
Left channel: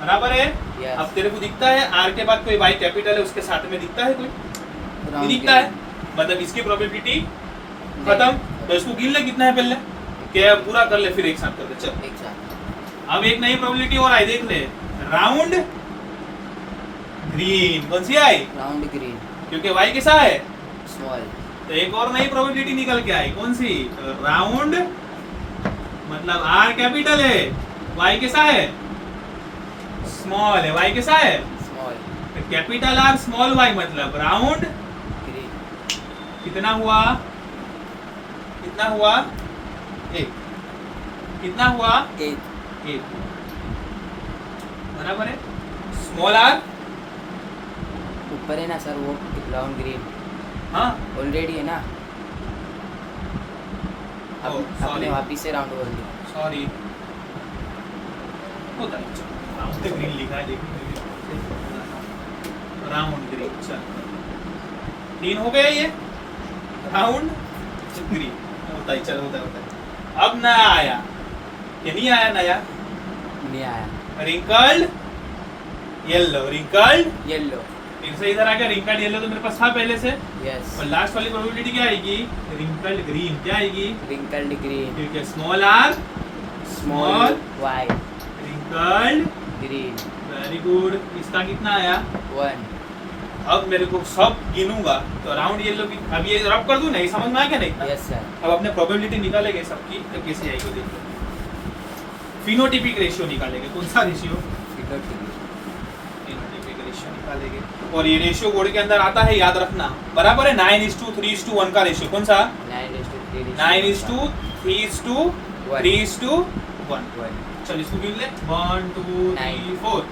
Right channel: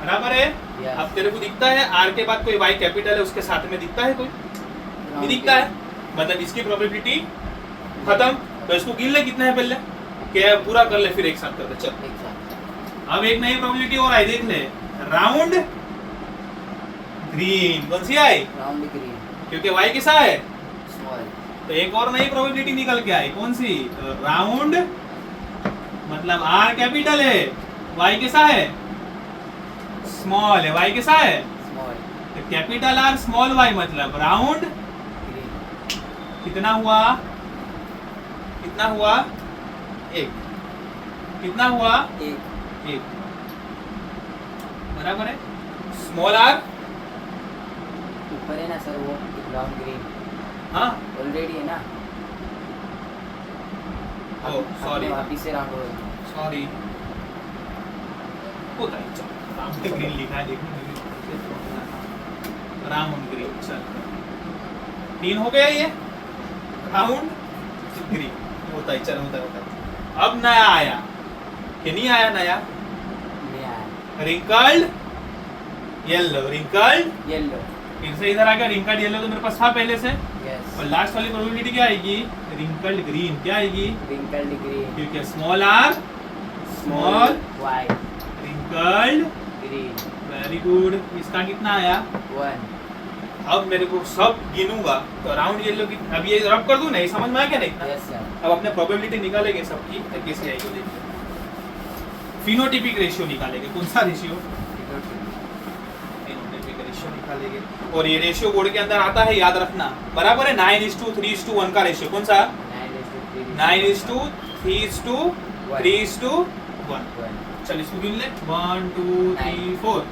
बराबर है। Yes. अब तेरे को दिखता है R के बाद कोई Y कैपिटल है उसके साथ में दिखता है कोई, नहीं दिखता है, मतलब इसकी प्रोबेबिलिटी खत्म। तो इसको गिन ले कितना है पहले, क्या पूरा कर ले फिर एक साथ कर ले। चल एक साथ अब एक नई प्रोबेबिलिटी और आई, देख ले राउंड ग्रीन, कौन सी आई, राउंड ग्रीन क्योंकि Y कैसा है, स्मॉल तो एक और नई प्रोबेबिलिटी निकल के आई, कौन सी राउंड, मतलब R कैपिटल है Y कैसा है स्मॉल है, Y कैसा है स्मॉल तो कैपिटल R स्मॉल Y मतलब राउंड ग्रीन कितना हुआ, कितना हुआ एक, कितना हुआ एक एक बराबर है। स्मॉल R ऊपर है ना सर वो राउंड ग्रीन हाँ ऑलरेडी है ना, ओ आपने सॉरी वापिस से राउंड हो सॉरी होता है, चल राउंड पे ग्रीन लिखा है, देखो राउंड ग्रीन। चल 3 हो गए ये राउंड ग्रीन, होता है चल होता है होता है। अब नया आया कि नहीं आया नया, नहीं आया रिंकल्ड येलो रिंकल्ड, येलो फिर से इधर आ गया रिंकल्ड येलो, तो मेरे पास था पहले से। यस और लास्ट वाली प्रोबेबिलिटी क्या आएगी, रिंकल्ड ग्रीन, क्या आएगी रिंकल्ड ग्रीन क्योंकि small R small Y wrinkled, green very good. इसका कितना आया, 1 अब मेरे को सब गिनूंगा तो राउंड येलो की, अब ये रब कर दूं नहीं, समझ में आया क्या नहीं। यस सर अब अपने प्रोबेबिलिटी निकालेंगे सबकी, तो कैसे आएगी देखिए। फिनोटिपिक रेशियो निकालेंगे, कौन सा रेशियो, फिनोटिपिक रेशियो निकालेंगे। और ये रेशियो बोर्ड के अंदर आता है, याद रखना बराबर है 9:3:1 का रेशियो, कौन सा 9:3:3:1। चल इसको गिन ले 1 2 3 4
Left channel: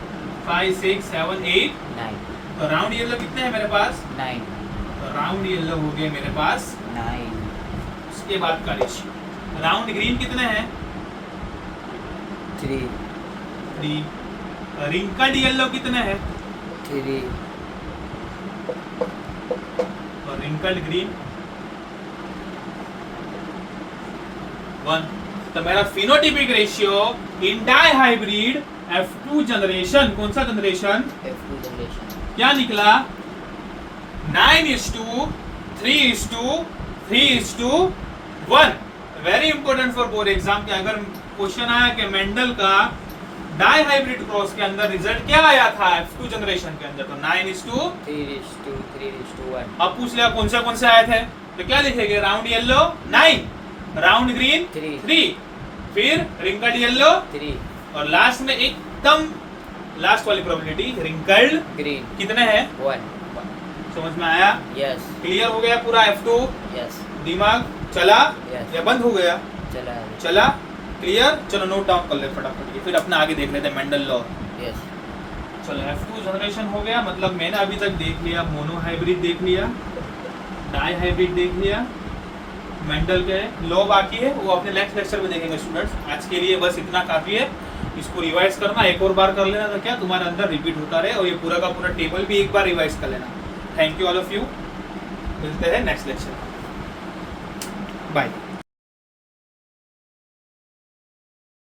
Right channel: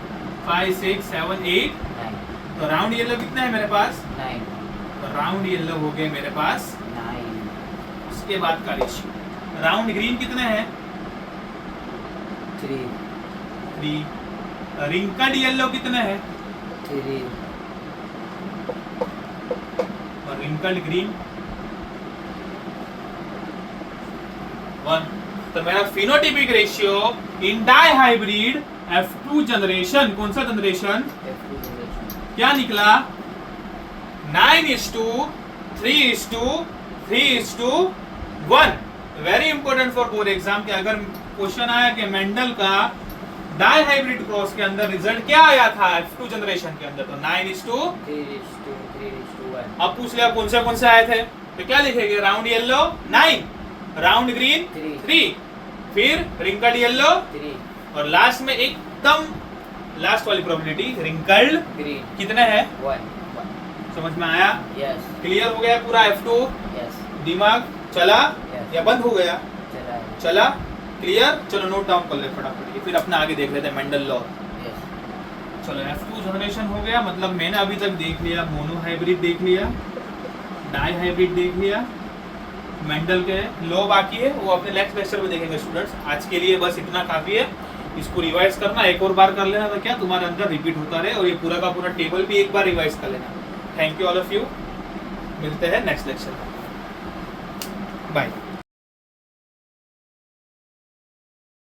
5 6 7 8, 9 तो राउंड येलो कितने हैं मेरे पास, 9 तो राउंड येलो हो गए मेरे पास 9 उसके बाद का रेशियो। राउंड ग्रीन कितने हैं 3 3, रिंकल्ड येलो कितने हैं 3 और रिंकल्ड ग्रीन 1। तो मेरा phenotypic ratio in dihybrid F2 generation, कौन सा जनरेशन, F2 जनरेशन क्या निकला, 9:3:3:1। Very important for board exam के अगर क्वेश्चन आया कि मेंडल का डाई हाइब्रिड क्रॉस के अंदर रिजल्ट क्या आया था F2 जनरेशन के अंदर, तो 3:3:1 अब पूछ लिया कौन से आए थे, तो क्या लिखेंगे, राउंड येलो 9, राउंड ग्रीन 3, फिर रिंकल्ड येलो 3 और लास्ट में एकदम लास्ट वाली प्रोबेबिलिटी रिंकल्ड ग्रीन कितने हैं, 1 समझ में आया, यस क्लियर हो गया पूरा F2, यस दिमाग चला Yes. या बंद हो गया, चला चला, क्लियर, चलो नोट डाउन कर ले फटाफट ये, फिर अपने आगे देख लेते हैं मेंडल लॉ। यस चलो F2 जनरेशन हो गया, मतलब मैंने अभी तक देख लिया, मोनो हाइब्रिड देख लिया, डाई हाइब्रिड देख लिया, मेंडल के लॉ बाकी है, वो अपने नेक्स्ट लेक्चर में देखेंगे स्टूडेंट्स। आज के लिए बस इतना काफी है, इसको रिवाइज करना, एक और बार कर लेना तो क्या तुम्हारे अंदर रिपीट होता रहे, और ये पूरा का पूरा टेबल भी एक बार रिवाइज कर लेना। Thank you all of you, मिलते हैं नेक्स्ट लेक्चर, बाय।